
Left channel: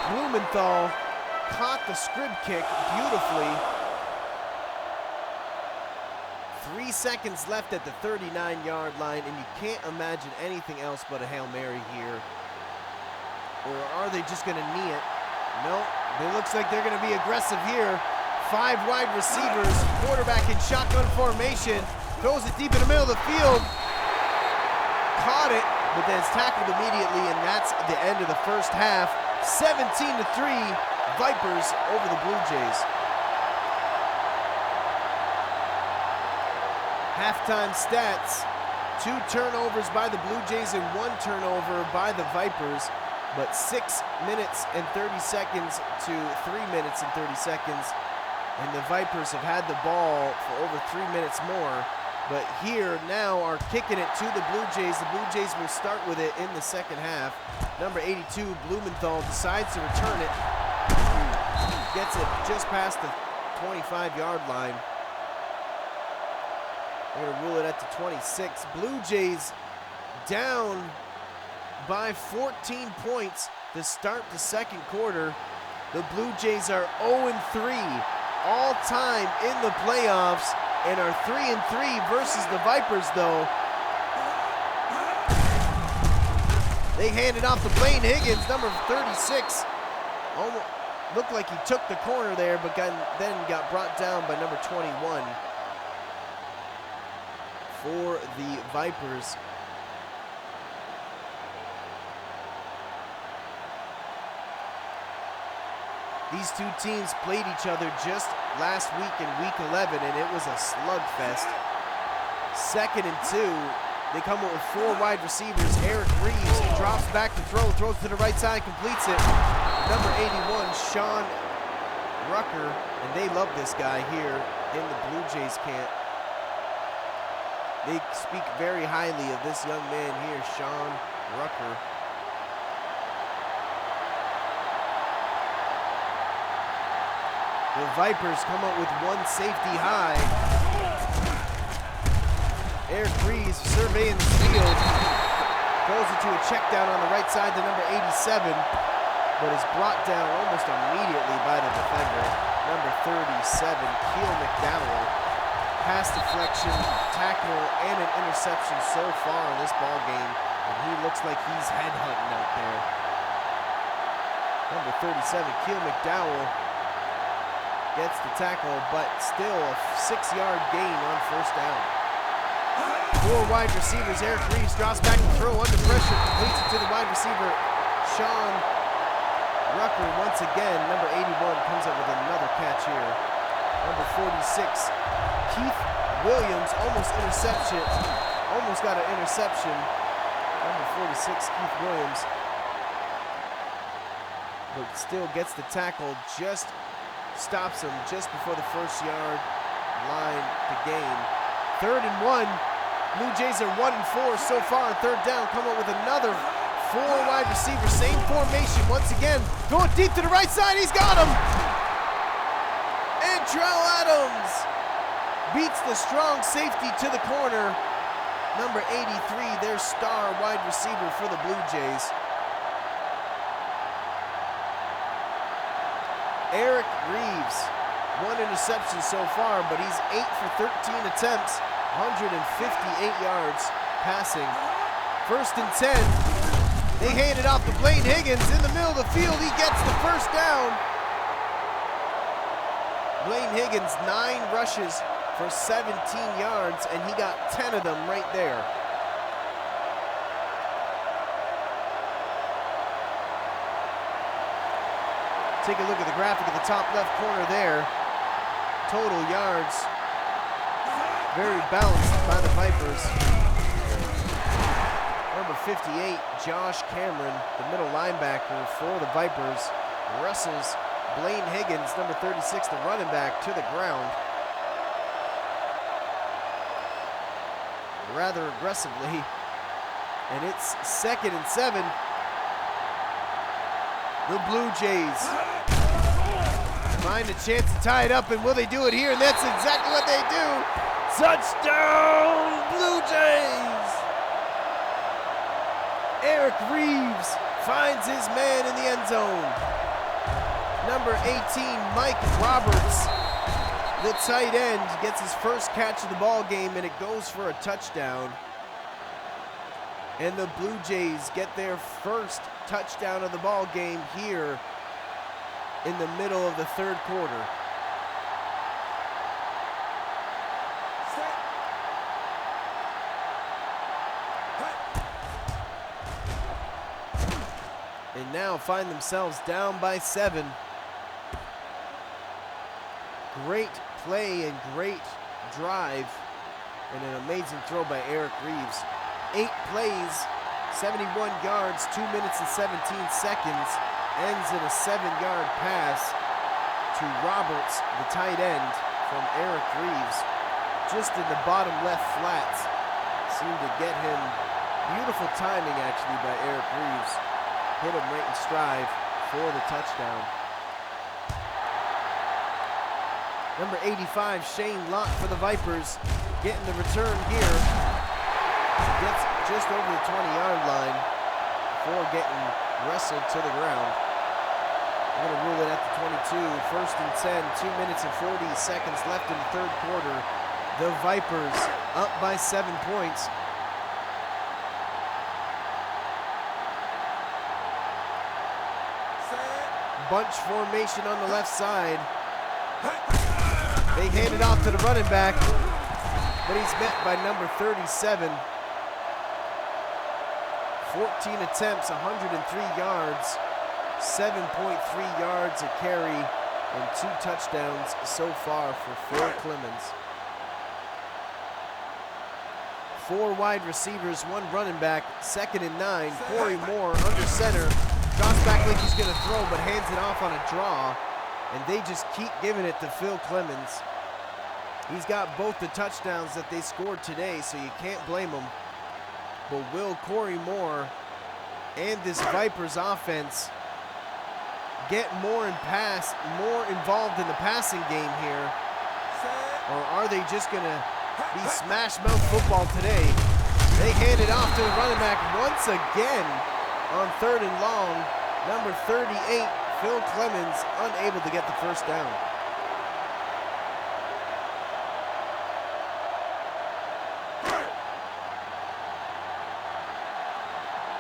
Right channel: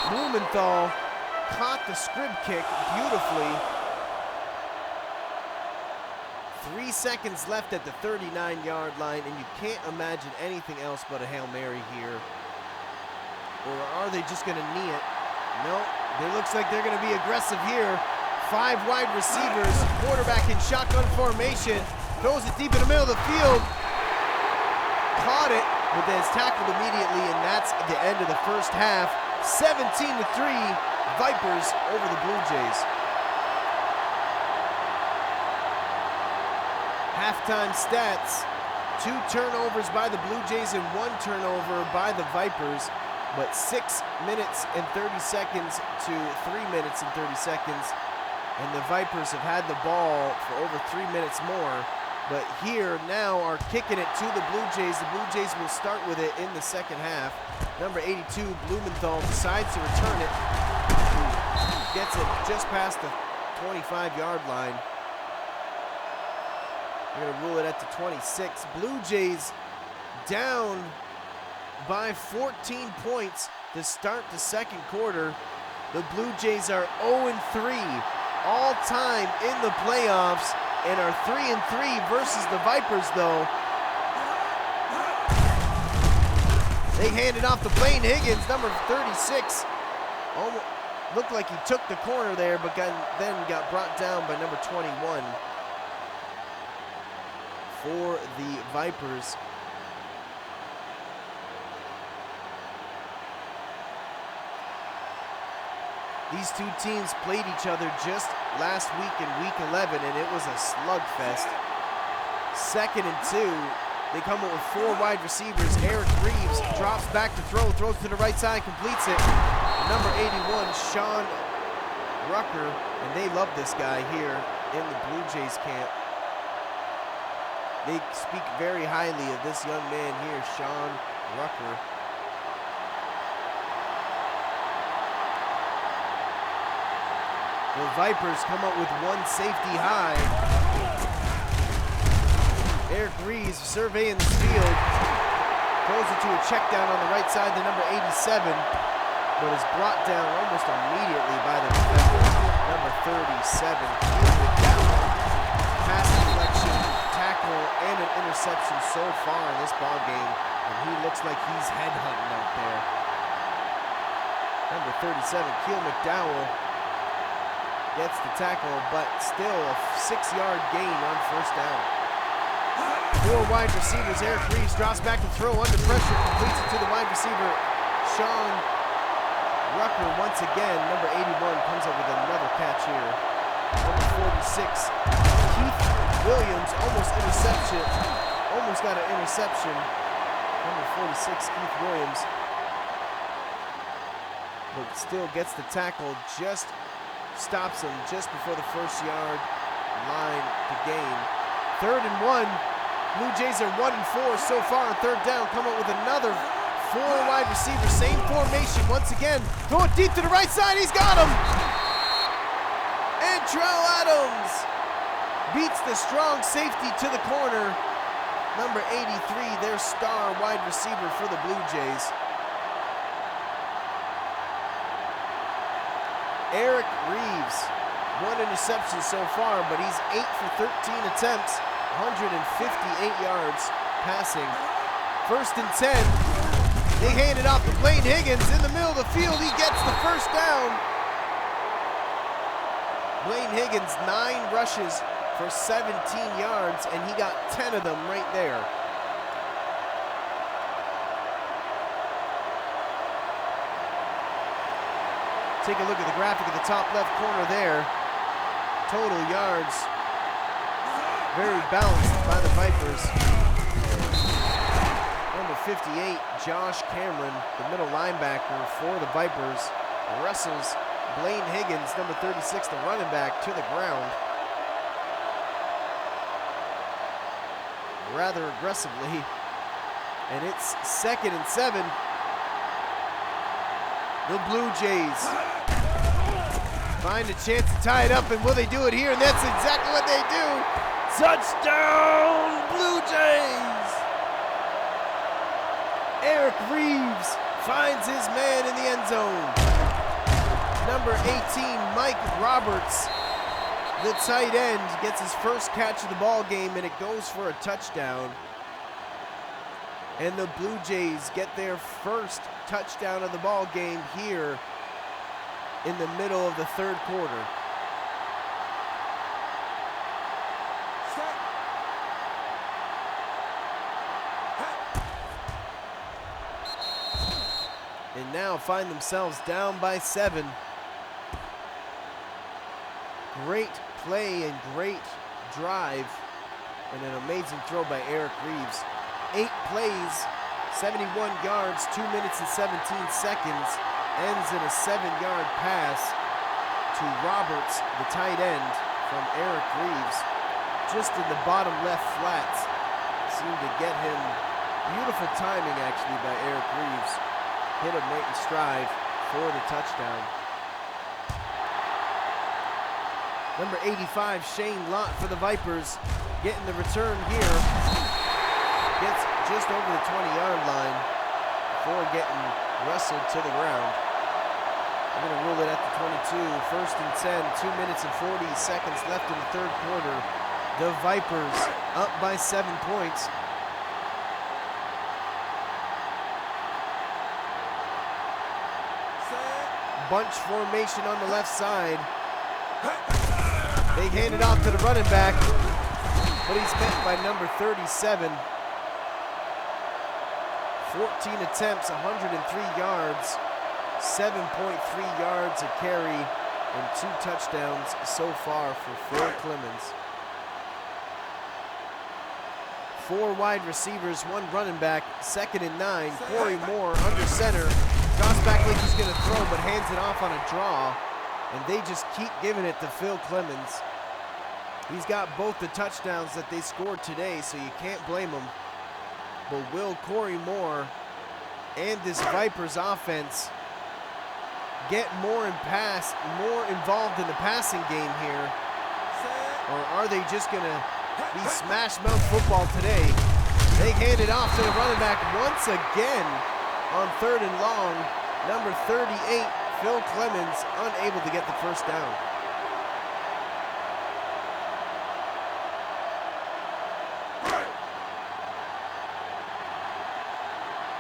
Blumenthal caught the scrib kick beautifully. 3 seconds left at the 39-yard line, and you can't imagine anything else but a Hail Mary here. Or are they just gonna knee it? No, it looks like they're gonna be aggressive here. 5 wide receivers, quarterback in shotgun formation, throws it deep in the middle of the field. Caught it, but then it's tackled immediately, and that's the end of the first half. 17-3, Vipers over the Blue Jays. Halftime stats, 2 turnovers by the Blue Jays and 1 turnover by the Vipers, but 6 minutes and 30 seconds to 3 minutes and 30 seconds, and the Vipers have had the ball for over 3 minutes more, but here now are kicking it to the Blue Jays. The Blue Jays will start with it in the second half. Number 82, Blumenthal, decides to return it, gets it just past the 25-yard line. They're gonna rule it at the 26. Blue Jays down by 14 points to start the second quarter. The Blue Jays are 0-3 all time in the playoffs and are 3-3 versus the Vipers though. They handed off to Blaine Higgins, number 36. Almost looked like he took the corner there, but then got brought down by number 21. For the Vipers. These two teams played each other just last week in week 11, and it was a slugfest. 2nd and 2. They come up with 4 wide receivers. Eric Reeves drops back to throw, throws to the right side, completes it. Number 81, Sean Rucker, and they love this guy here in the Blue Jays camp. They speak very highly of this young man here, Sean Rucker. The Vipers come up with 1 safety high. Eric Reeves surveying the field. Goes into a check down on the right side to number 87, but is brought down almost immediately by the defender. Number 37, Keel McDowell. Pass deflection, tackle, and an interception so far in this ball game, and he looks like he's headhunting out there. Number 37, Keel McDowell gets the tackle, but still a 6-yard gain on first down. 4 wide receivers. Eric Reeves drops back to throw under pressure, completes it to the wide receiver, Sean Rucker. Once again, number 81 comes up with another catch here. Number 46, Keith Williams, almost got an interception. Number 46, Keith Williams, but still gets the tackle, just stops him just before the 1st-yard line to gain. 3rd and 1. Blue Jays are 1-4 so far on 3rd down. Come up with another 4 wide receivers, same formation once again. Throw it deep to the right side. He's got him. And Trell Adams beats the strong safety to the corner. Number 83, their star wide receiver for the Blue Jays. Eric Reeves, 1 interception so far, but he's 8 for 13 attempts, 158 yards passing. 1st and 10. They hand it off to Blaine Higgins in the middle of the field. He gets the 1st down. Blaine Higgins, 9 rushes for 17 yards, and he got 10 of them right there. Take a look at the graphic at the top left corner there. Total yards, very balanced by the Vipers. Number 58, Josh Cameron, the middle linebacker for the Vipers, wrestles Blaine Higgins, number 36, the running back, to the ground rather aggressively. And it's 2nd and 7. The Blue Jays find a chance to tie it up, and will they do it here? And that's exactly what they do. Touchdown, Blue Jays! Eric Reeves finds his man in the end zone. Number 18, Mike Roberts, The tight end gets his first catch of the ball game, and it goes for a touchdown. And the Blue Jays get their first touchdown of the ball game here in the middle of the third quarter. Set. And now find themselves down by 7. Great play and great drive, and an amazing throw by Eric Reeves. 8 plays, 71 yards, 2 minutes and 17 seconds, ends in a 7-yard pass to Roberts, the tight end, from Eric Reeves, just in the bottom left flats. Seemed to get him, beautiful timing actually by Eric Reeves. Hit him right in stride for the touchdown. Number 85, Shane Lott for the Vipers, getting the return here. Gets just over the 20-yard line before getting wrestled to the ground. They're going to rule it at the 22. First and 10, 2 minutes and 40 seconds left in the third quarter. The Vipers up by 7 points. Bunch formation on the left side. They hand it off to the running back, but he's met by number 37. 14 attempts, 103 yards, 7.3 yards a carry, and 2 touchdowns so far for Phil Clemens. 4 wide receivers, 1 running back, 2nd and 9. Corey Moore under center, drops back like he's gonna throw, but hands it off on a draw, and they just keep giving it to Phil Clemens. He's got both the touchdowns that they scored today, so you can't blame him. But will Corey Moore and this Vipers offense get more involved in the passing game here? Or are they just gonna be smash mouth football today? They hand it off to the running back once again on 3rd and long. Number 38, Phil Clemens, unable to get the first down.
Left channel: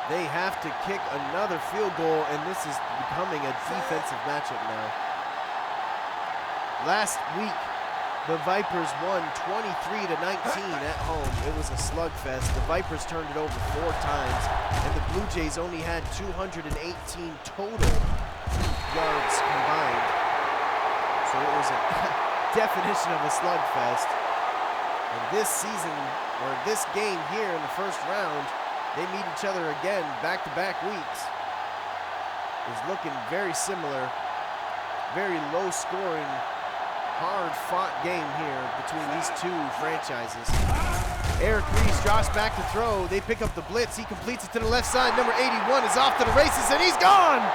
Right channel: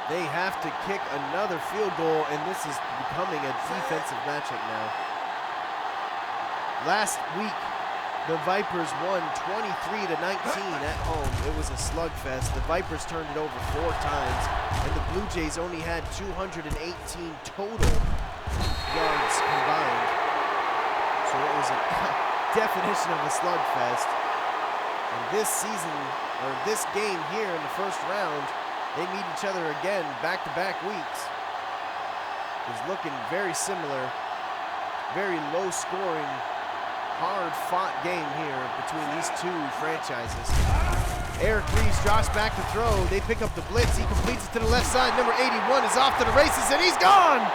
They have to kick another field goal, and this is becoming a defensive matchup now. Last week, the Vipers won 23-19 at home. It was a slugfest. The Vipers turned it over 4 times, and the Blue Jays only had 218 total yards combined. So it was a definition of a slugfest. And this season, or this game here in the first round, they meet each other again back-to-back weeks. Is looking very similar, very low-scoring, hard-fought game here between these 2 franchises. Eric Reeves drops back to throw. They pick up the blitz. He completes it to the left side. Number 81 is off to the races, and he's gone!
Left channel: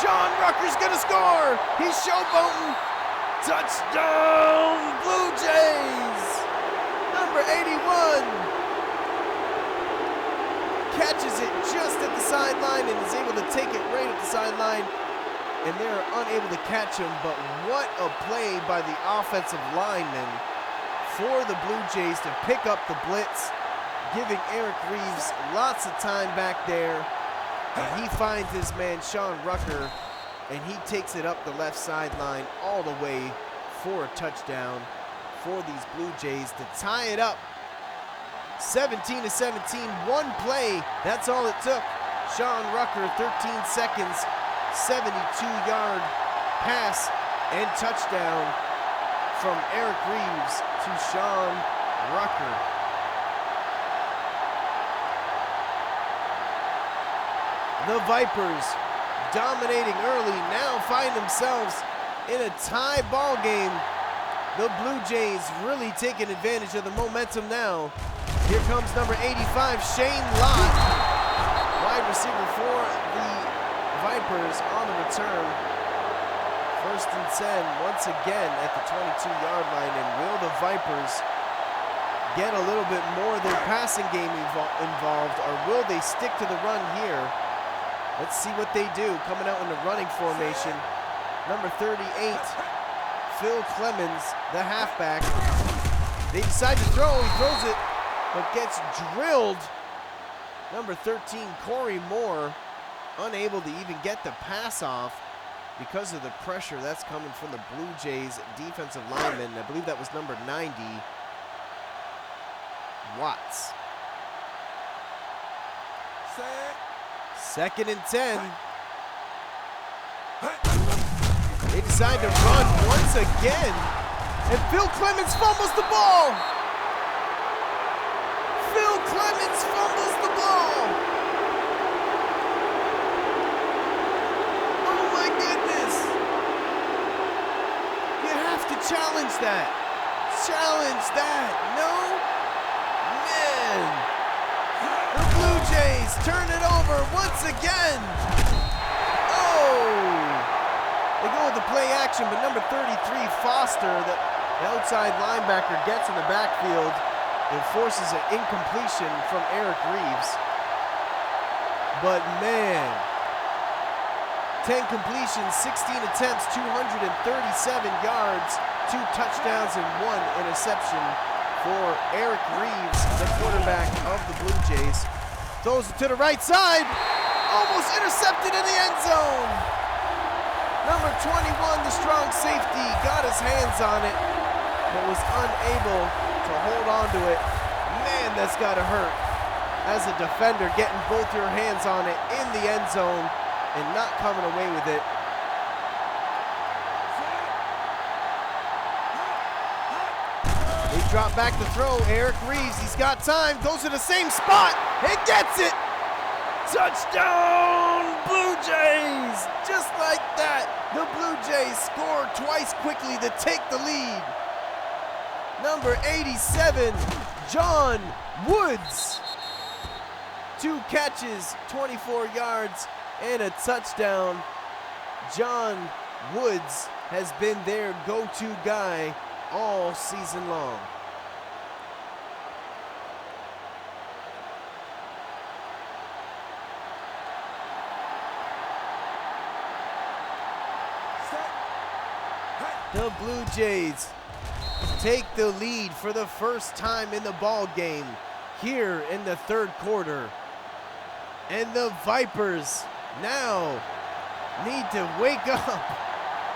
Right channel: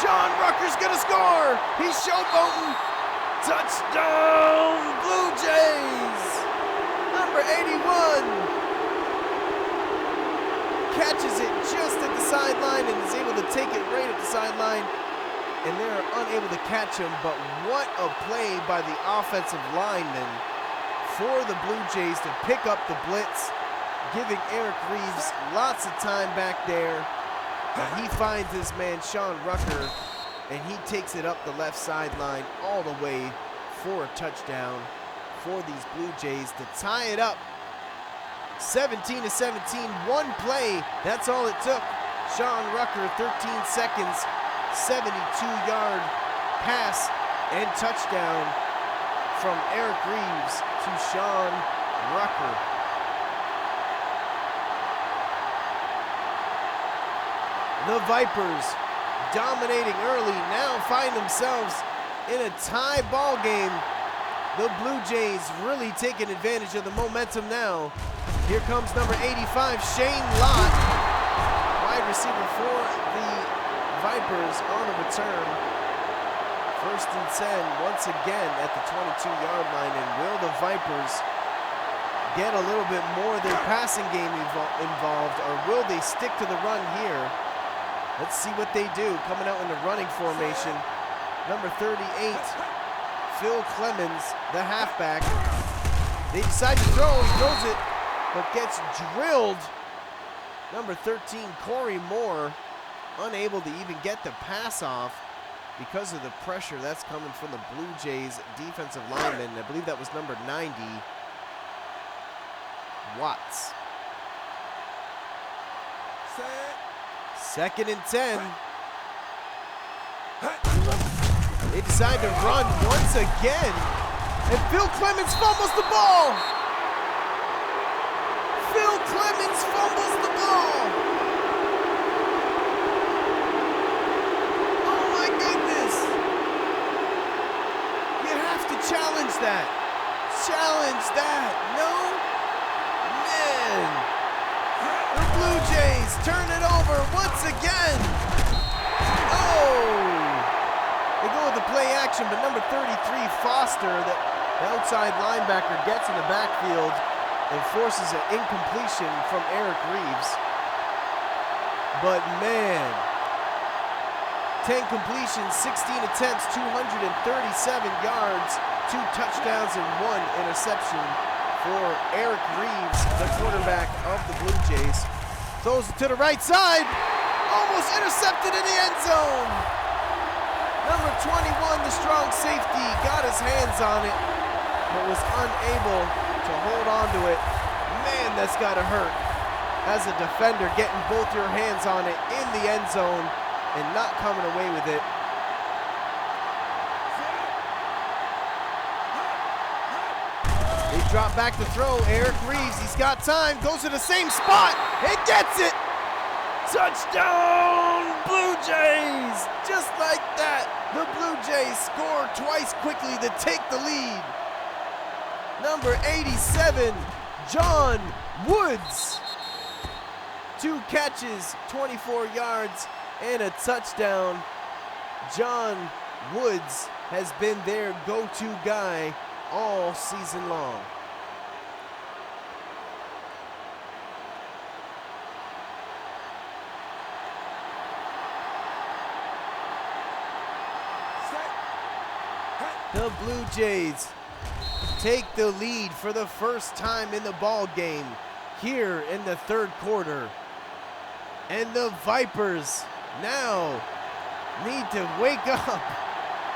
Sean Rucker's gonna score! He's showboating! Touchdown, Blue Jays! Number 81 catches it just at the sideline and is able to take it right at the sideline, and they're unable to catch him. But what a play by the offensive lineman for the Blue Jays to pick up the blitz, giving Eric Reeves lots of time back there. And he finds his man Sean Rucker, and he takes it up the left sideline all the way for a touchdown for these Blue Jays to tie it up 17-17, 1 play, that's all it took. Sean Rucker, 13 seconds, 72-yard pass and touchdown from Eric Reeves to Sean Rucker. The Vipers, dominating early, now find themselves in a tie ball game. The Blue Jays really taking advantage of the momentum now. Here comes number 85, Shane Lott, wide receiver for the Vipers on the return. 1st and 10, once again at the 22-yard line. And will the Vipers get a little bit more of their passing game involved, or will they stick to the run here? Let's see what they do, coming out in the running formation. Number 38, Phil Clemens, the halfback. They decide to throw. He throws it, but gets drilled. Number 13, Corey Moore, unable to even get the pass off because of the pressure that's coming from the Blue Jays defensive lineman. I believe that was number 90, Watts. Second and 10. They decide to run once again, and Phil Clemens fumbles the ball. Phil Clemens fumbles the ball. Oh my goodness. You have to challenge that. Challenge that. No? Man. The Blue Jays turn it over once again. Oh. They go with the play action, but number 33, Foster, the outside linebacker, gets in the backfield and forces an incompletion from Eric Reeves. But man, 10 completions, 16 attempts, 237 yards, 2 touchdowns and 1 interception for Eric Reeves, the quarterback of the Blue Jays. Throws it to the right side, almost intercepted in the end zone. Number 21, the strong safety, got his hands on it, but was unable to hold on to it. Man, that's gotta hurt. As a defender, getting both your hands on it in the end zone and not coming away with it. They drop back to throw. Eric Reeves, he's got time, goes to the same spot and gets it. Touchdown, Blue Jays! Just like that, the Blue Jays score twice quickly to take the lead. Number 87, John Woods. 2 catches, 24 yards, and a touchdown. John Woods has been their go-to guy all season long. The Blue Jays take the lead for the first time in the ball game here in the third quarter. And the Vipers now need to wake up.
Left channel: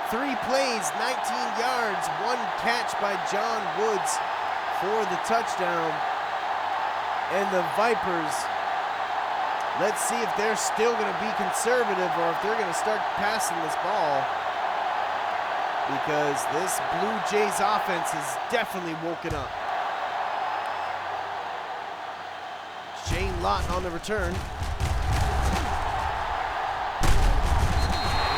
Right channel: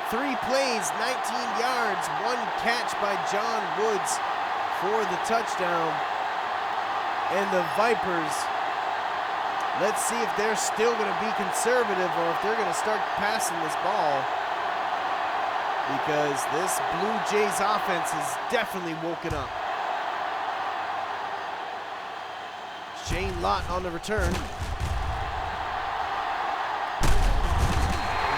3 plays, 19 yards, 1 catch by John Woods for the touchdown. And the Vipers, let's see if they're still going to be conservative or if they're going to start passing this ball, because this Blue Jays offense has definitely woken up. Shane Lott on the return.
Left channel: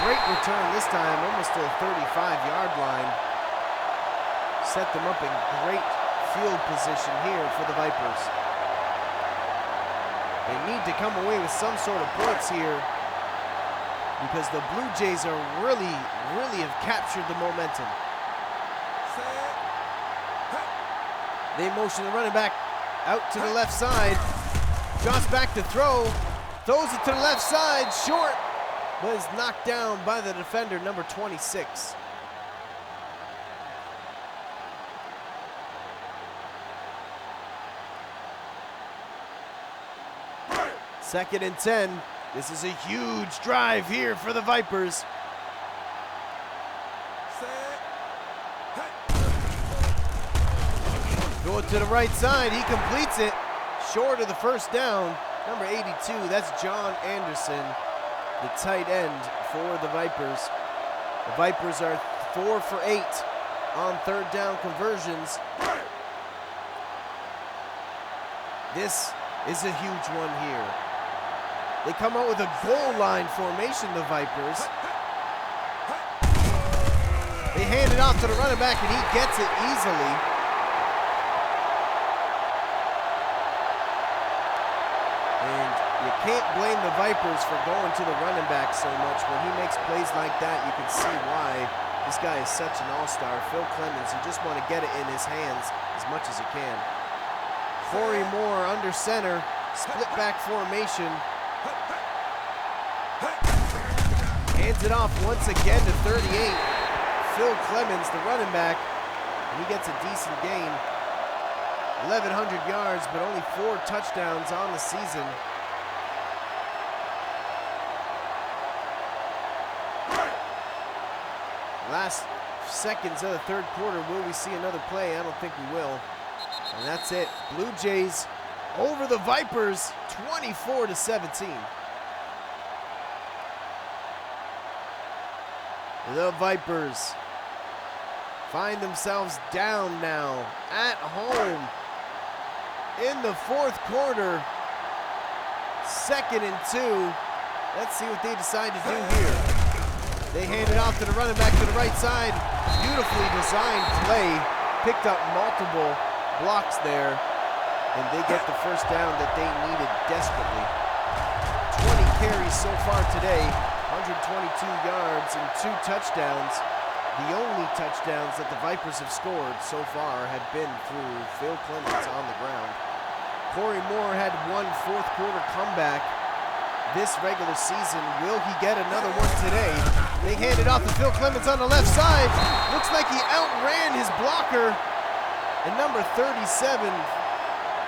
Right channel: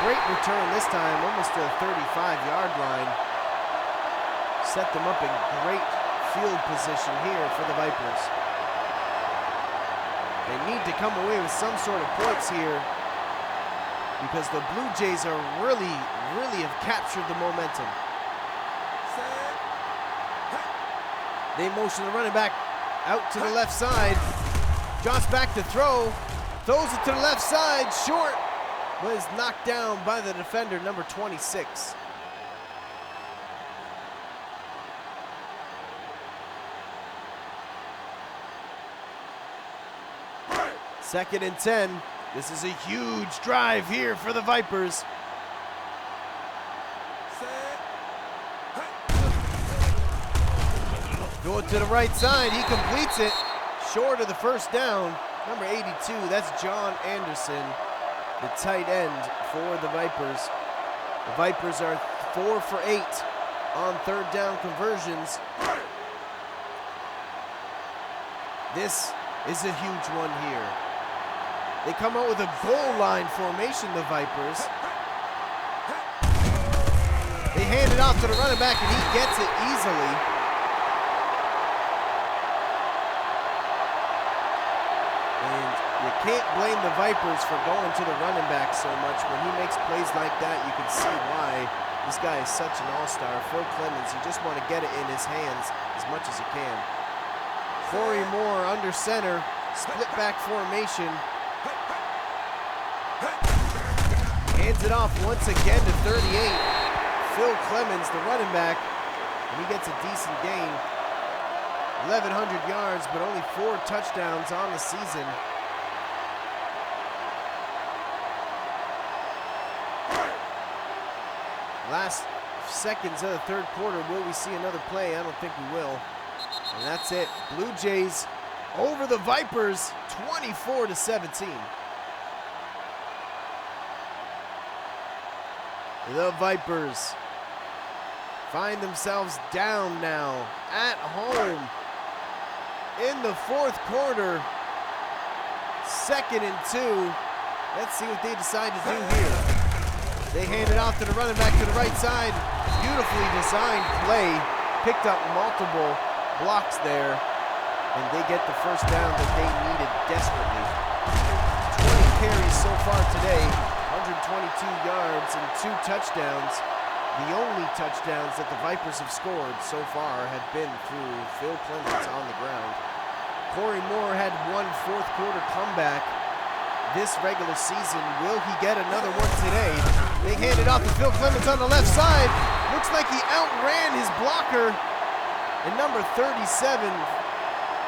Great return this time, almost to the 35-yard line. Set them up in great field position here for the Vipers. They need to come away with some sort of points here, because the Blue Jays are really have captured the momentum. They motion the running back out to the left side. Jots back to throw. Throws it to the left side, short, but is knocked down by the defender, number 26. Second and 10. This is a huge drive here for the Vipers. Throw it to the right side. He completes it. Short of the first down. Number 82, that's John Anderson, the tight end for the Vipers. The Vipers are 4 for 8 on third down conversions. This is a huge one here. They come out with a goal line formation, the Vipers. They hand it off to the running back, and he gets it easily. And you can't blame the Vipers for going to the running back so much. When he makes plays like that, you can see why this guy is such an all-star. Phil Clemens, you just want to get it in his hands as much as you can. Corey Moore under center, split back formation. Hands it off once again to 38. Phil Clemens, the running back, and he gets a decent gain. 1,100 yards, but only 4 touchdowns on the season. Last seconds of the third quarter, will we see another play? I don't think we will. And that's it. Blue Jays over the Vipers, 24-17. The Vipers find themselves down now at home in the fourth quarter. 2nd and 2. Let's see what they decide to do here. They hand it off to the running back to the right side. Beautifully designed play. Picked up multiple blocks there, and they get the first down that they needed desperately. 20 carries so far today, 122 yards and 2 touchdowns. The only touchdowns that the Vipers have scored so far have been through Phil Clemens on the ground. Corey Moore had one fourth quarter comeback this regular season. Will he get another one today? They hand it off to Phil Clemens on the left side. Looks like he outran his blocker. And number 37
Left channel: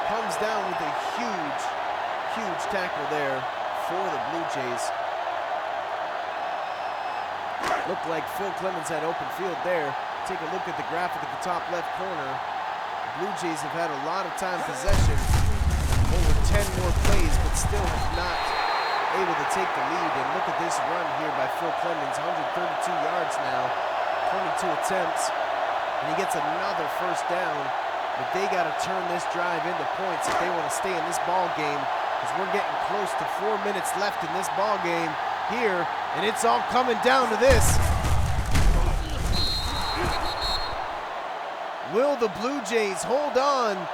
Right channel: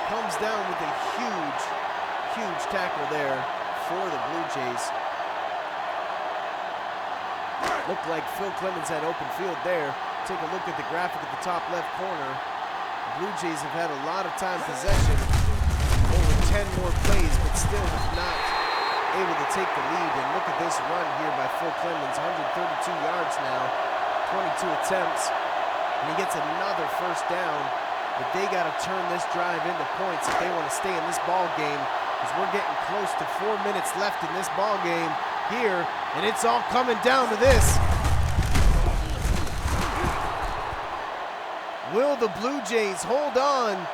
comes down with a huge tackle there for the Blue Jays. Looked like Phil Clemens had open field there. Take a look at the graphic at the top left corner. The Blue Jays have had a lot of time possession, over 10 more plays, but still have not able to take the lead. And look at this run here by Phil Clemens, 132 yards now, 22 attempts, and he gets another first down. But they got to turn this drive into points if they want to stay in this ball game, because we're getting close to 4 minutes left in this ball game here, and it's all coming down to this. Will the Blue Jays hold on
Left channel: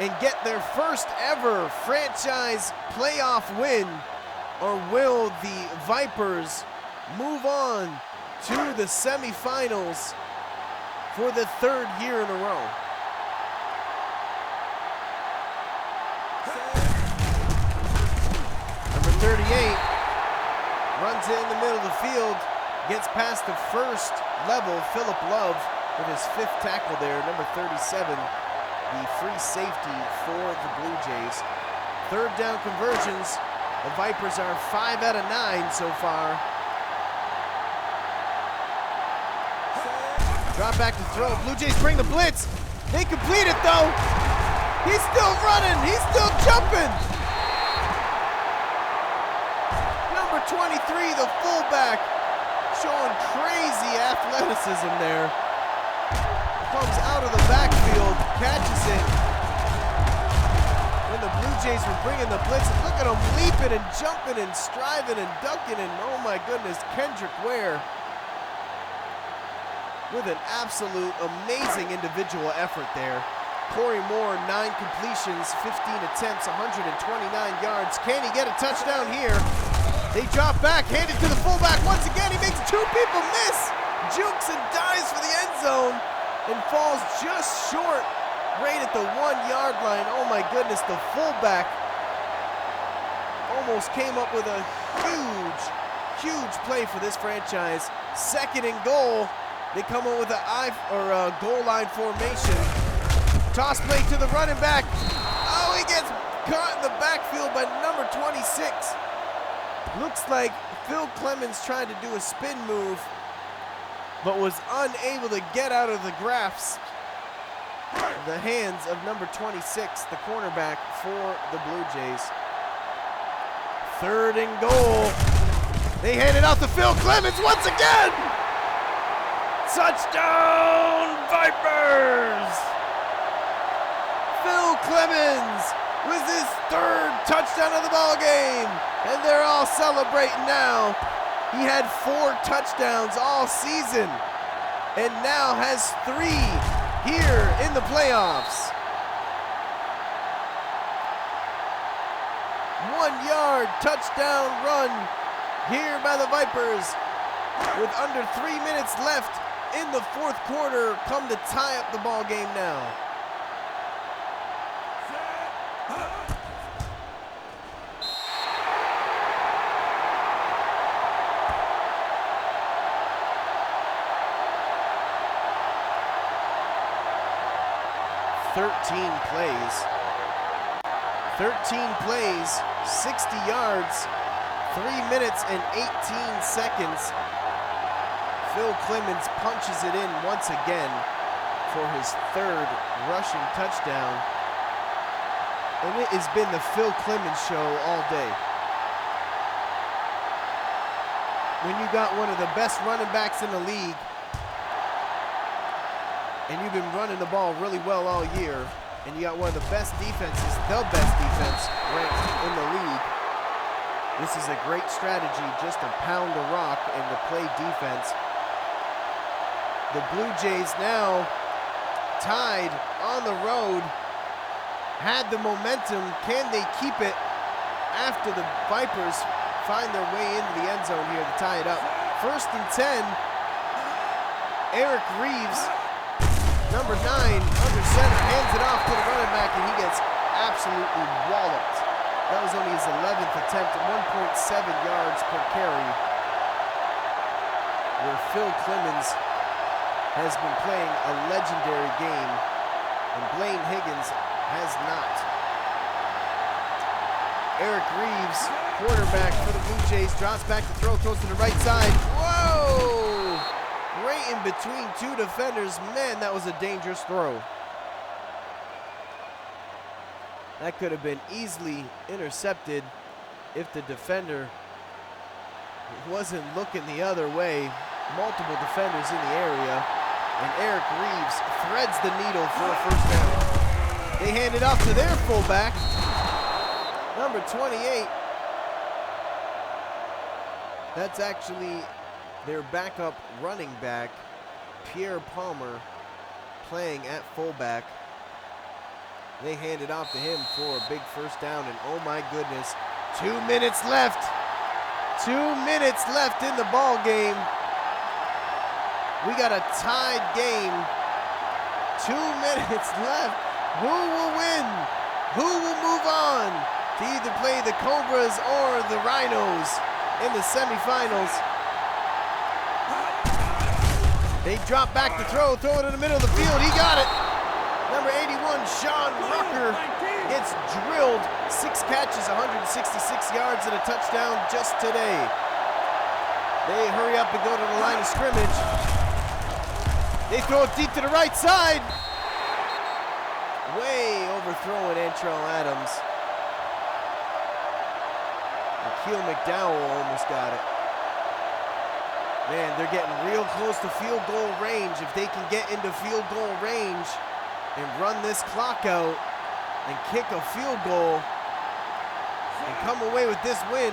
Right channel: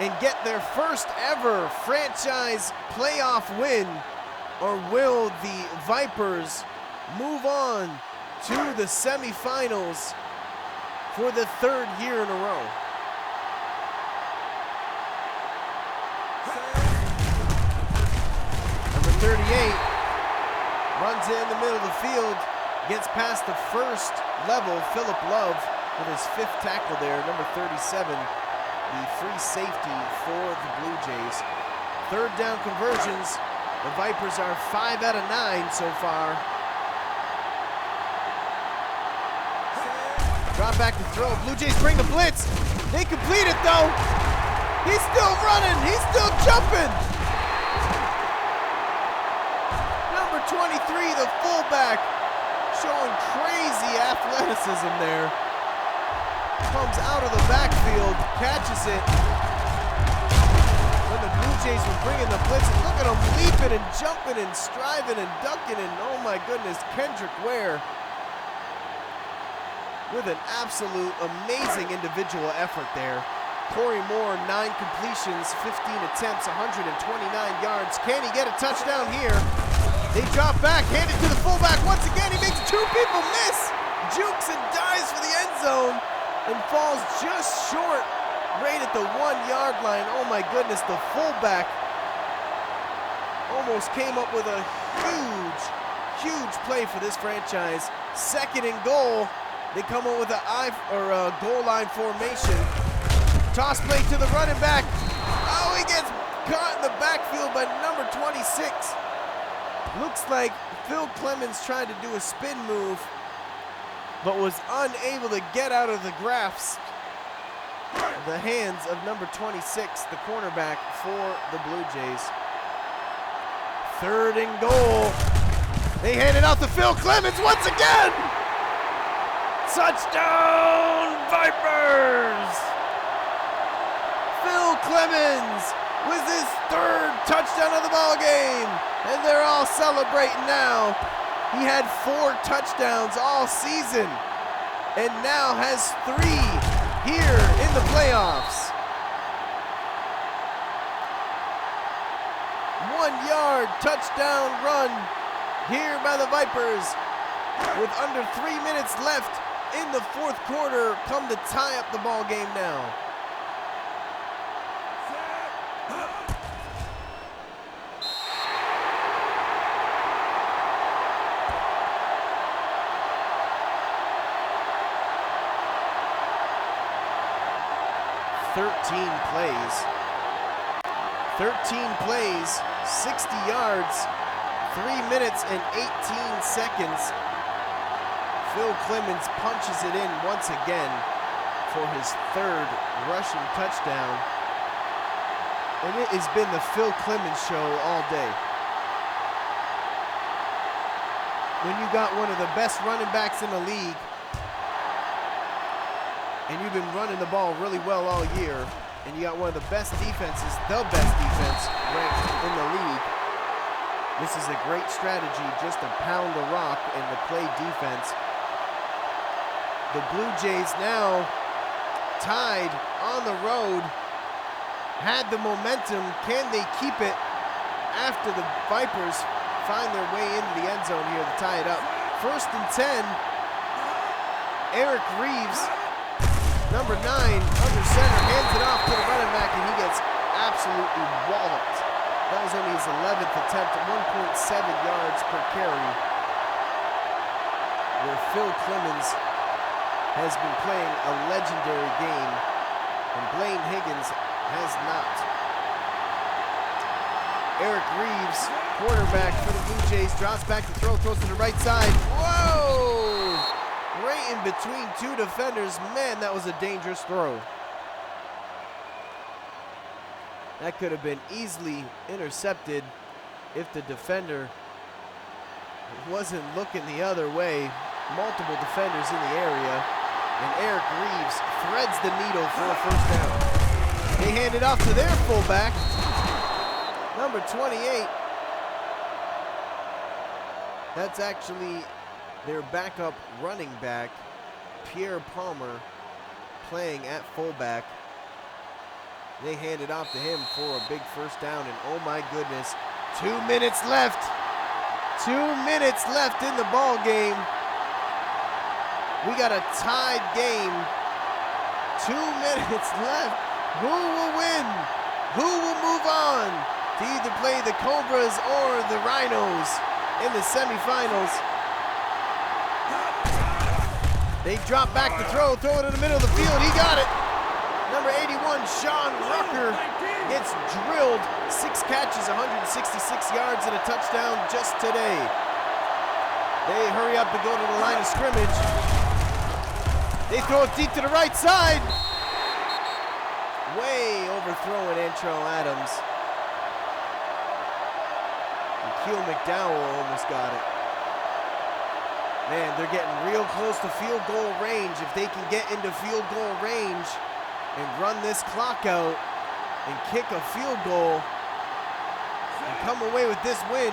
and get their first ever franchise playoff win, or will the Vipers move on to the semifinals for the 3rd year in a row? Number 38 runs it in the middle of the field, gets past the first level, Phillip Love with his 5th tackle there, number 37, the free safety for the Blue Jays. 3rd down conversions, the Vipers are 5 out of 9 so far. Drop back to throw, Blue Jays bring the blitz. They complete it though. He's still running, he's still jumping. Number 23, the fullback, showing crazy athleticism there. Comes out of the backfield, catches it. When the Blue Jays were bringing the blitz, and look at him leaping and jumping and striving and ducking, and oh my goodness, Kendrick Ware with an absolute amazing individual effort there. Corey Moore, 9 completions, 15 attempts, 129 yards. Can he get a touchdown here? They drop back, hand it to the fullback. Once again, he makes 2 people miss. Jukes and dives for the end zone and falls just short, right at the 1-yard line. Oh my goodness, the fullback almost came up with a huge play for this franchise. 2nd and goal. They come up with a goal line formation. Toss play to the running back. Oh, he gets caught in the backfield by number 26. Looks like Phil Clemens tried to do a spin move, but was unable to get out of the grasp of the hands of number 26, the cornerback for the Blue Jays. 3rd and goal. They hand it off to Phil Clemens once again. Touchdown, Vipers! Phil Clemens with his 3rd touchdown of the ball game, and they're all celebrating now. He had 4 touchdowns all season, and now has 3 here in the playoffs. 1-yard touchdown run here by the Vipers with under 3 minutes left in the fourth quarter, come to tie up the ball game now. 13 plays. 13 plays, 60 yards, 3 minutes and 18 seconds. Phil Clemens punches it in once again for his 3rd rushing touchdown. And it has been the Phil Clemens show all day. When you got one of the best running backs in the league, and you've been running the ball really well all year, and you got one of the best defenses, the best defense ranked in the league, this is a great strategy just to pound the rock and to play defense. The Blue Jays now tied on the road, had the momentum. Can they keep it after the Vipers find their way into the end zone here to tie it up? 1st and 10. Eric Reeves, number 9, under center, hands it off to the running back, and he gets absolutely walloped. That was only his 11th attempt at 1.7 yards per carry, where Phil Clemens has been playing a legendary game, and Blaine Higgins has not. Eric Reeves, quarterback for the Blue Jays, drops back to throw, throws to the right side. Whoa! Right in between 2 defenders. Man, that was a dangerous throw. That could have been easily intercepted if the defender wasn't looking the other way. Multiple defenders in the area, and Eric Reeves threads the needle for a 1st down. They hand it off to their fullback, number 28. That's actually their backup running back, Pierre Palmer, playing at fullback. They hand it off to him for a big 1st down, and oh my goodness, 2 minutes left. 2 minutes left in the ball game. We got a tied game. 2 minutes left. Who will win? Who will move on to either play the Cobras or the Rhinos in the semifinals? They drop back to throw it in the middle of the field. He got it. Number 81, Sean Rucker, gets drilled. 6 catches, 166 yards, and a touchdown just today. They hurry up and go to the line of scrimmage. They throw it deep to the right side. Way overthrowing Antrell Adams. And Keel McDowell almost got it. Man, they're getting real close to field goal range. If they can get into field goal range and run this clock out and kick a field goal and come away with this win,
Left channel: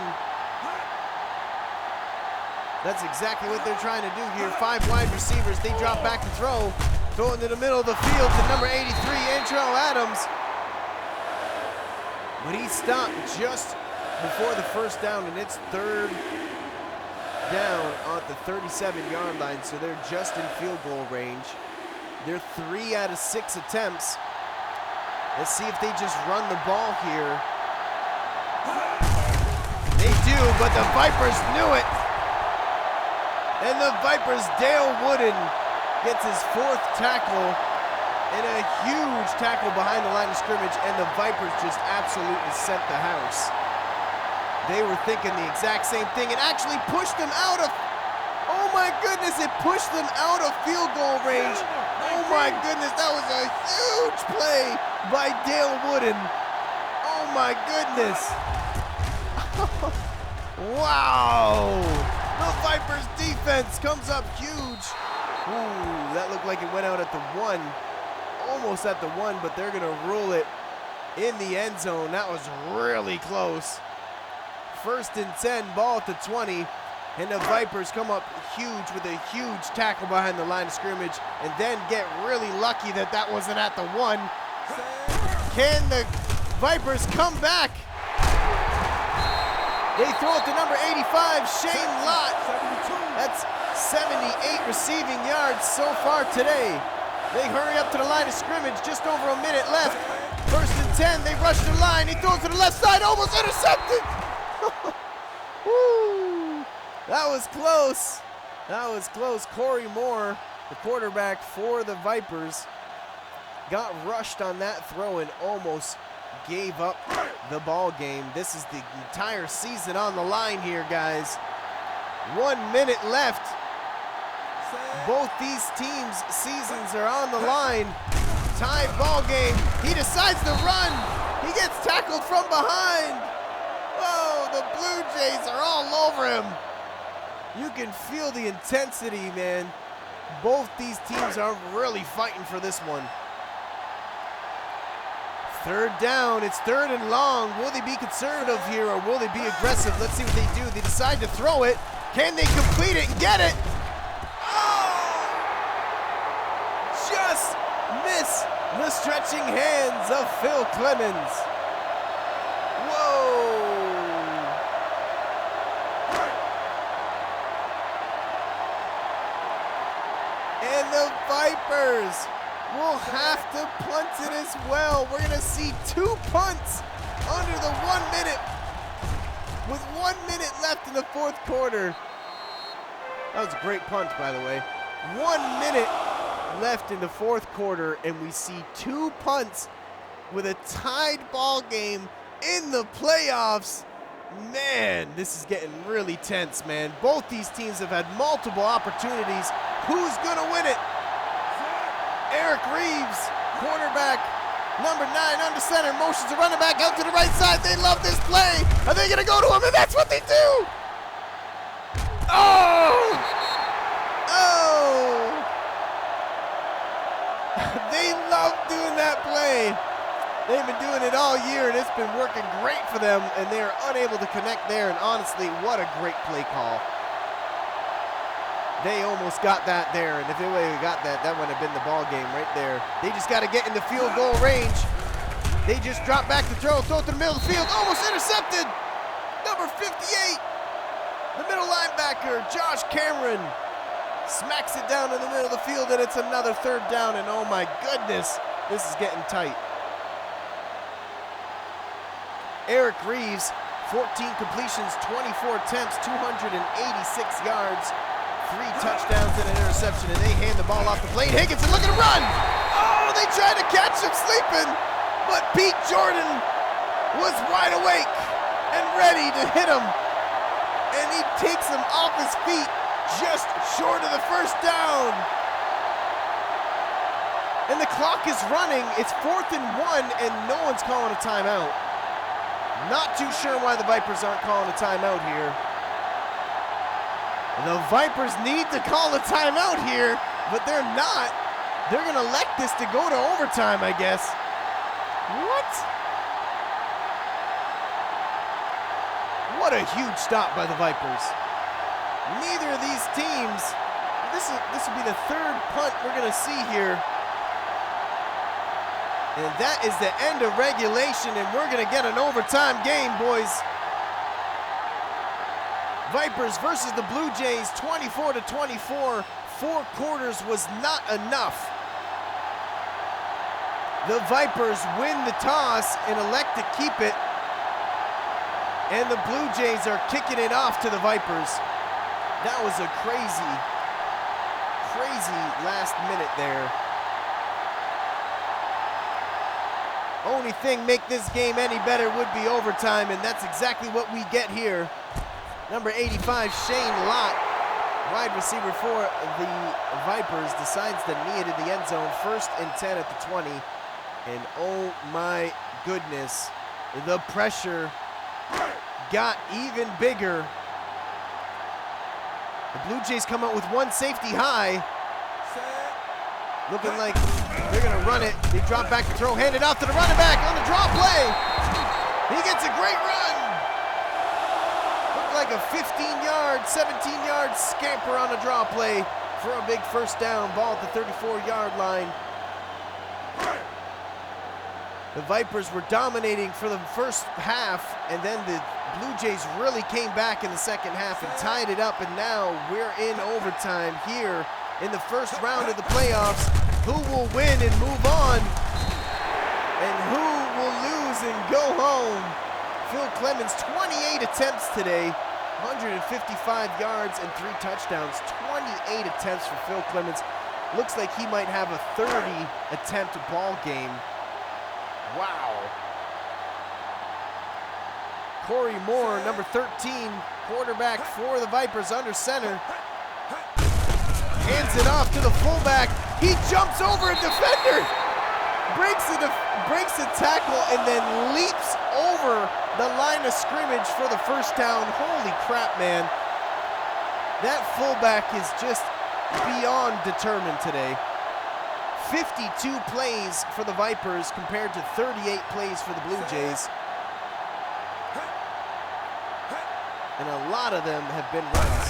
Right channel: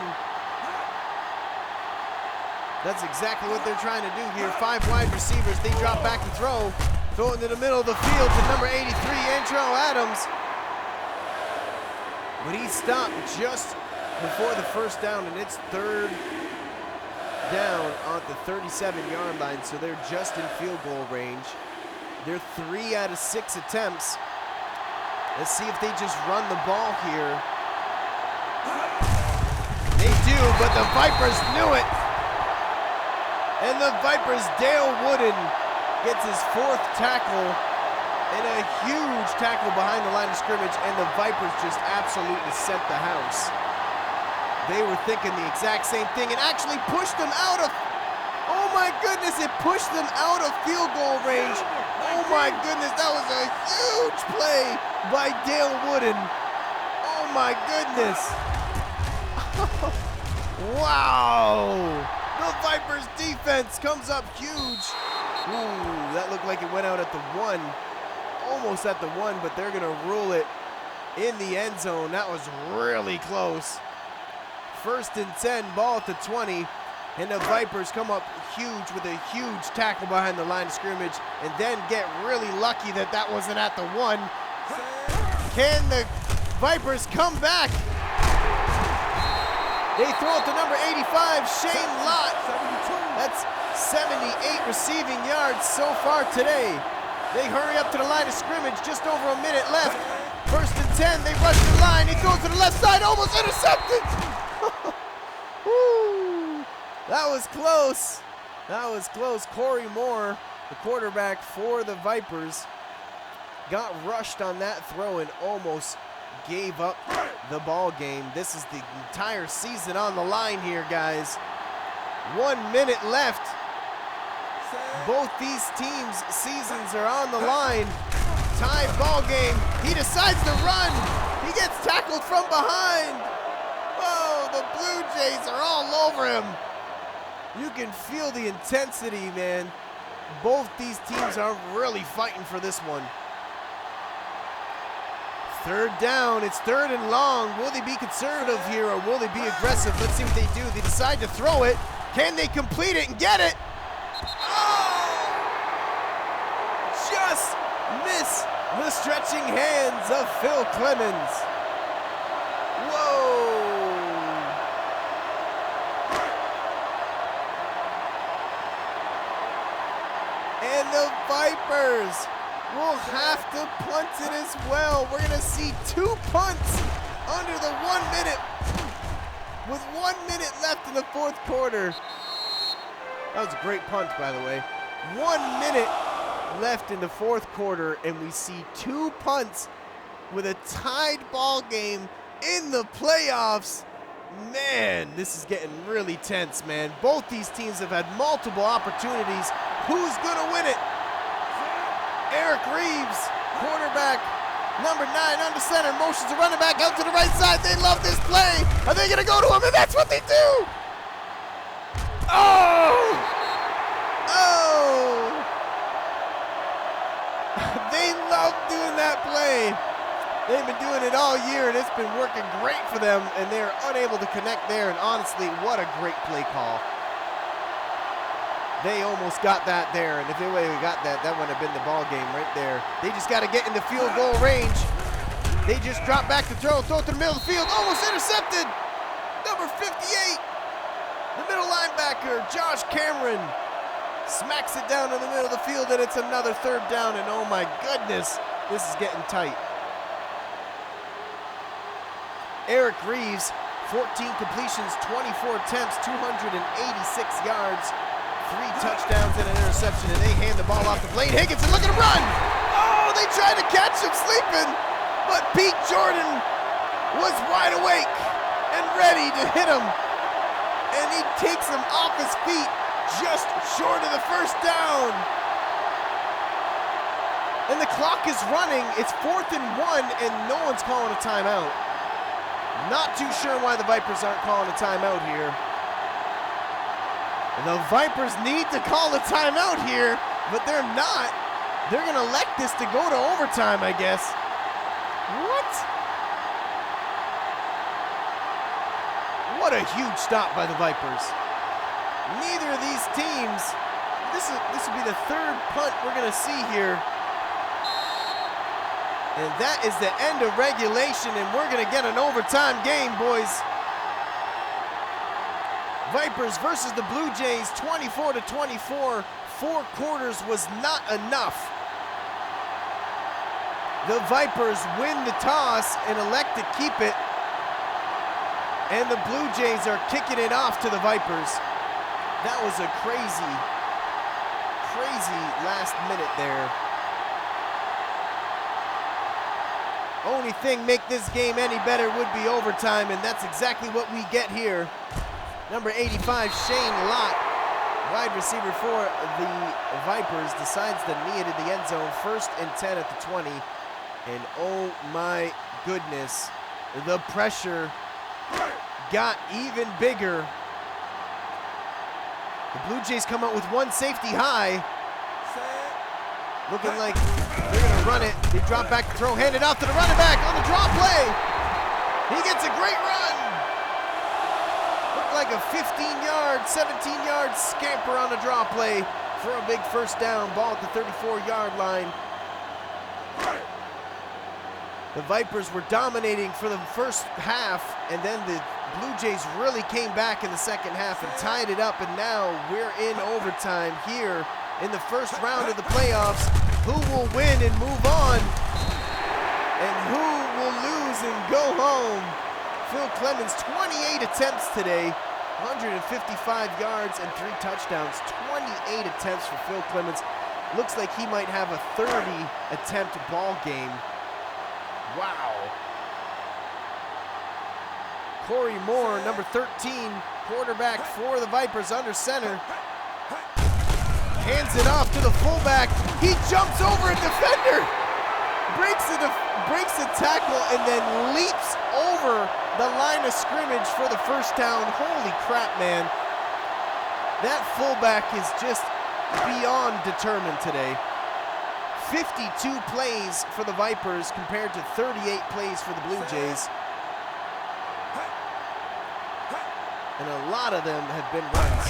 that's exactly what they're trying to do here. 5 wide receivers. They drop back to throw. Throw it into the middle of the field to number 83, Antrell Adams. But he stopped just before the 1st down, and it's 3rd down on the 37-yard line, so they're just in field goal range. They're 3 out of 6 attempts. Let's see if they just run the ball here. They do, but the Vipers knew it. And the Vipers' Dale Wooden gets his 4th tackle and a huge tackle behind the line of scrimmage, and the Vipers just absolutely sent the house. They were thinking the exact same thing and actually pushed them out of, oh my goodness, it pushed them out of field goal range. Oh my goodness, that was a huge play by Dale Wooden. Oh my goodness. Wow. The Vipers defense comes up huge. Ooh, that looked like it went out at the 1. Almost at the 1, but they're gonna rule it in the end zone. That was really close. 1st and 10, ball at the 20, and the Vipers come up huge with a huge tackle behind the line of scrimmage, and then get really lucky that that wasn't at the 1. Can the Vipers come back? They throw it to number 85, Shane Lott. That's 78 receiving yards so far today. They hurry up to the line of scrimmage, just over a minute left. 1st and 10, they rush the line. He throws to the left side, almost intercepted. Woo. That was close. That was close. Corey Moore, the quarterback for the Vipers, got rushed on that throw and almost gave up the ball game. This is the entire season on the line here, guys. 1 minute left. Both these teams' seasons are on the line. Tied ball game. He decides to run. He gets tackled from behind. Whoa, the Blue Jays are all over him. You can feel the intensity, man. Both these teams are really fighting for this one. Third down, it's third and long. Will they be conservative here or will they be aggressive? Let's see what they do. They decide to throw it. Can they complete it and get it? Oh! Just miss the stretching hands of Phil Clemens. Whoa! And the Vipers will have to punt it as well. We're gonna see 2 punts under the 1 minute, with 1 minute left in the fourth quarter. That was a great punt, by the way. 1 minute left in the fourth quarter, and we see 2 punts with a tied ball game in the playoffs. Man, this is getting really tense, man. Both these teams have had multiple opportunities. Who's gonna win it? Eric Reeves, quarterback, number 9 under center, motions a running back out to the right side. They love this play. Are they gonna go to him? And that's what they do. Oh! Oh! They love doing that play. They've been doing it all year, and it's been working great for them, and they're unable to connect there, and honestly, what a great play call. They almost got that there, and if they would have got that, that would have been the ball game right there. They just got to get in the field goal range. They just drop back to throw to the middle of the field, almost intercepted. Number 58, the middle linebacker, Josh Cameron, smacks it down in the middle of the field, and it's another third down, and oh my goodness, this is getting tight. Eric Reeves, 14 completions, 24 attempts, 286 yards, 3 touchdowns and an interception, and they hand the ball off to Blaine Higginson. Look at him run! Oh, they tried to catch him sleeping, but Pete Jordan was wide awake and ready to hit him, and he takes him off his feet just short of the first down. And the clock is running. It's 4th and 1, and no one's calling a timeout. Not too sure why the Vipers aren't calling a timeout here. The Vipers need to call a timeout here, but they're not. They're going to elect this to go to overtime, I guess. What? What a huge stop by the Vipers. Neither of these teams, this will be the 3rd punt we're going to see here. And that is the end of regulation, and we're going to get an overtime game, boys. Vipers versus the Blue Jays, 24-24. 4 quarters was not enough. The Vipers win the toss and elect to keep it. And the Blue Jays are kicking it off to the Vipers. That was a crazy, crazy last minute there. Only thing make this game any better would be overtime, and that's exactly what we get here. Number 85, Shane Lott, wide receiver for the Vipers, decides to knee it in the end zone. 1st and 10 at the 20. And oh my goodness, the pressure got even bigger. The Blue Jays come out with 1 safety high. Looking like they're gonna run it. They drop back to throw, hand it off to the running back on the draw play. He gets a great run. Looked like a 15-yard, 17-yard scamper on the draw play for a big 1st down. Ball at the 34-yard line. The Vipers were dominating for the first half, and then the Blue Jays really came back in the second half and tied it up, and now we're in overtime here in the first round of the playoffs. Who will win and move on, and who will lose and go home? Phil Clemens, 28 attempts today, 155 yards and 3 touchdowns. 28 attempts for Phil Clemens. looks like he might have a 30 attempt ball game. Wow. Corey Moore, number 13, quarterback for the Vipers under center. Hands it off to the fullback. He jumps over a defender. Breaks a tackle and then leaps over the line of scrimmage for the first down. Holy crap, man. That fullback is just beyond determined today. 52 plays for the Vipers compared to 38 plays for the Bluejays. And a lot of them have been runs.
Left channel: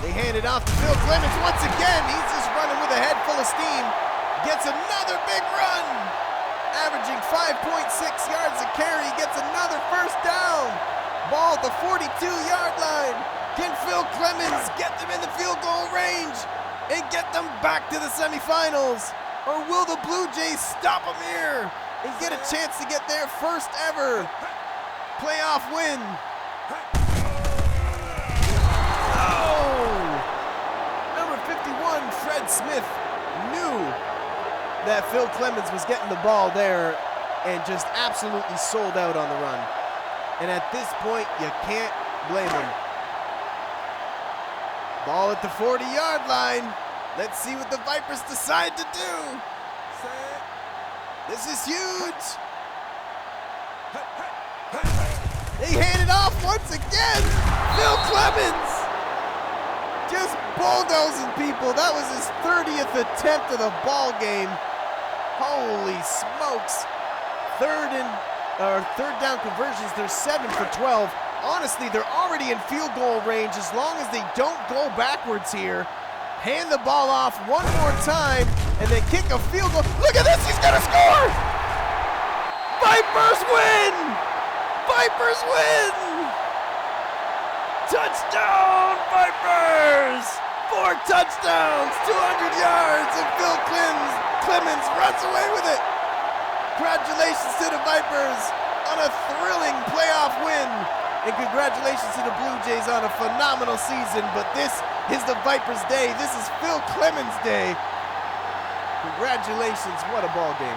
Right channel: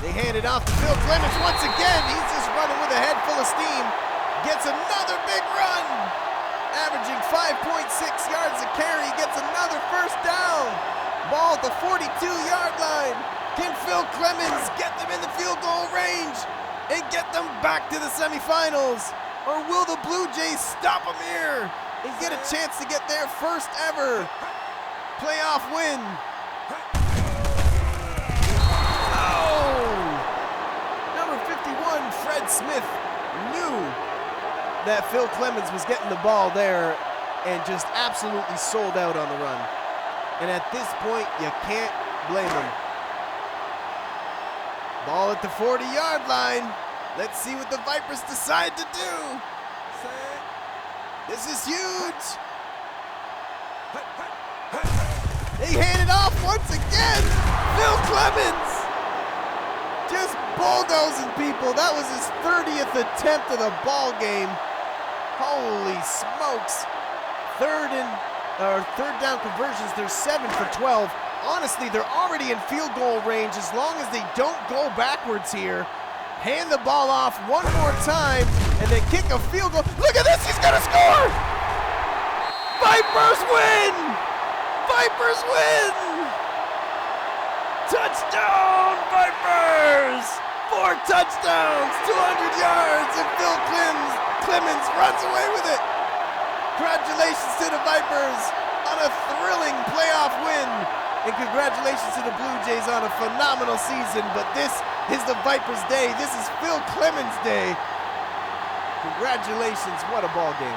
They hand it off to Phil Clemens once again. He's just running with a head full of steam. Gets another big run. Averaging 5.6 yards a carry. Gets another first down. Ball at the 42-yard line. Can Phil Clemens get them in the field goal range and get them back to the semifinals? Or will the Bluejays stop them here and get a chance to get their first ever playoff win? Oh! Number 51, Fred Smith, knew that Phil Clemens was getting the ball there and just absolutely sold out on the run. And at this point, you can't blame him. Ball at the 40-yard line. Let's see what the Vipers decide to do. This is huge. They hand it off once again. Phil Clemens just bulldozing people. That was his 30th attempt of the ball game. Holy smokes. Third down conversions, they're 7 for 12. Honestly, they're already in field goal range as long as they don't go backwards here. Hand the ball off one more time and then kick a field goal. Look at this, he's gonna score! Vipers win! Vipers win! Touchdown, Vipers! 4 touchdowns, 200 yards, and Phil Clemens runs away with it. Congratulations to the Vipers on a thrilling playoff win. And congratulations to the Bluejays on a phenomenal season. But this is the Vipers' day. This is Phil Clemens' day. Congratulations, what a ball game.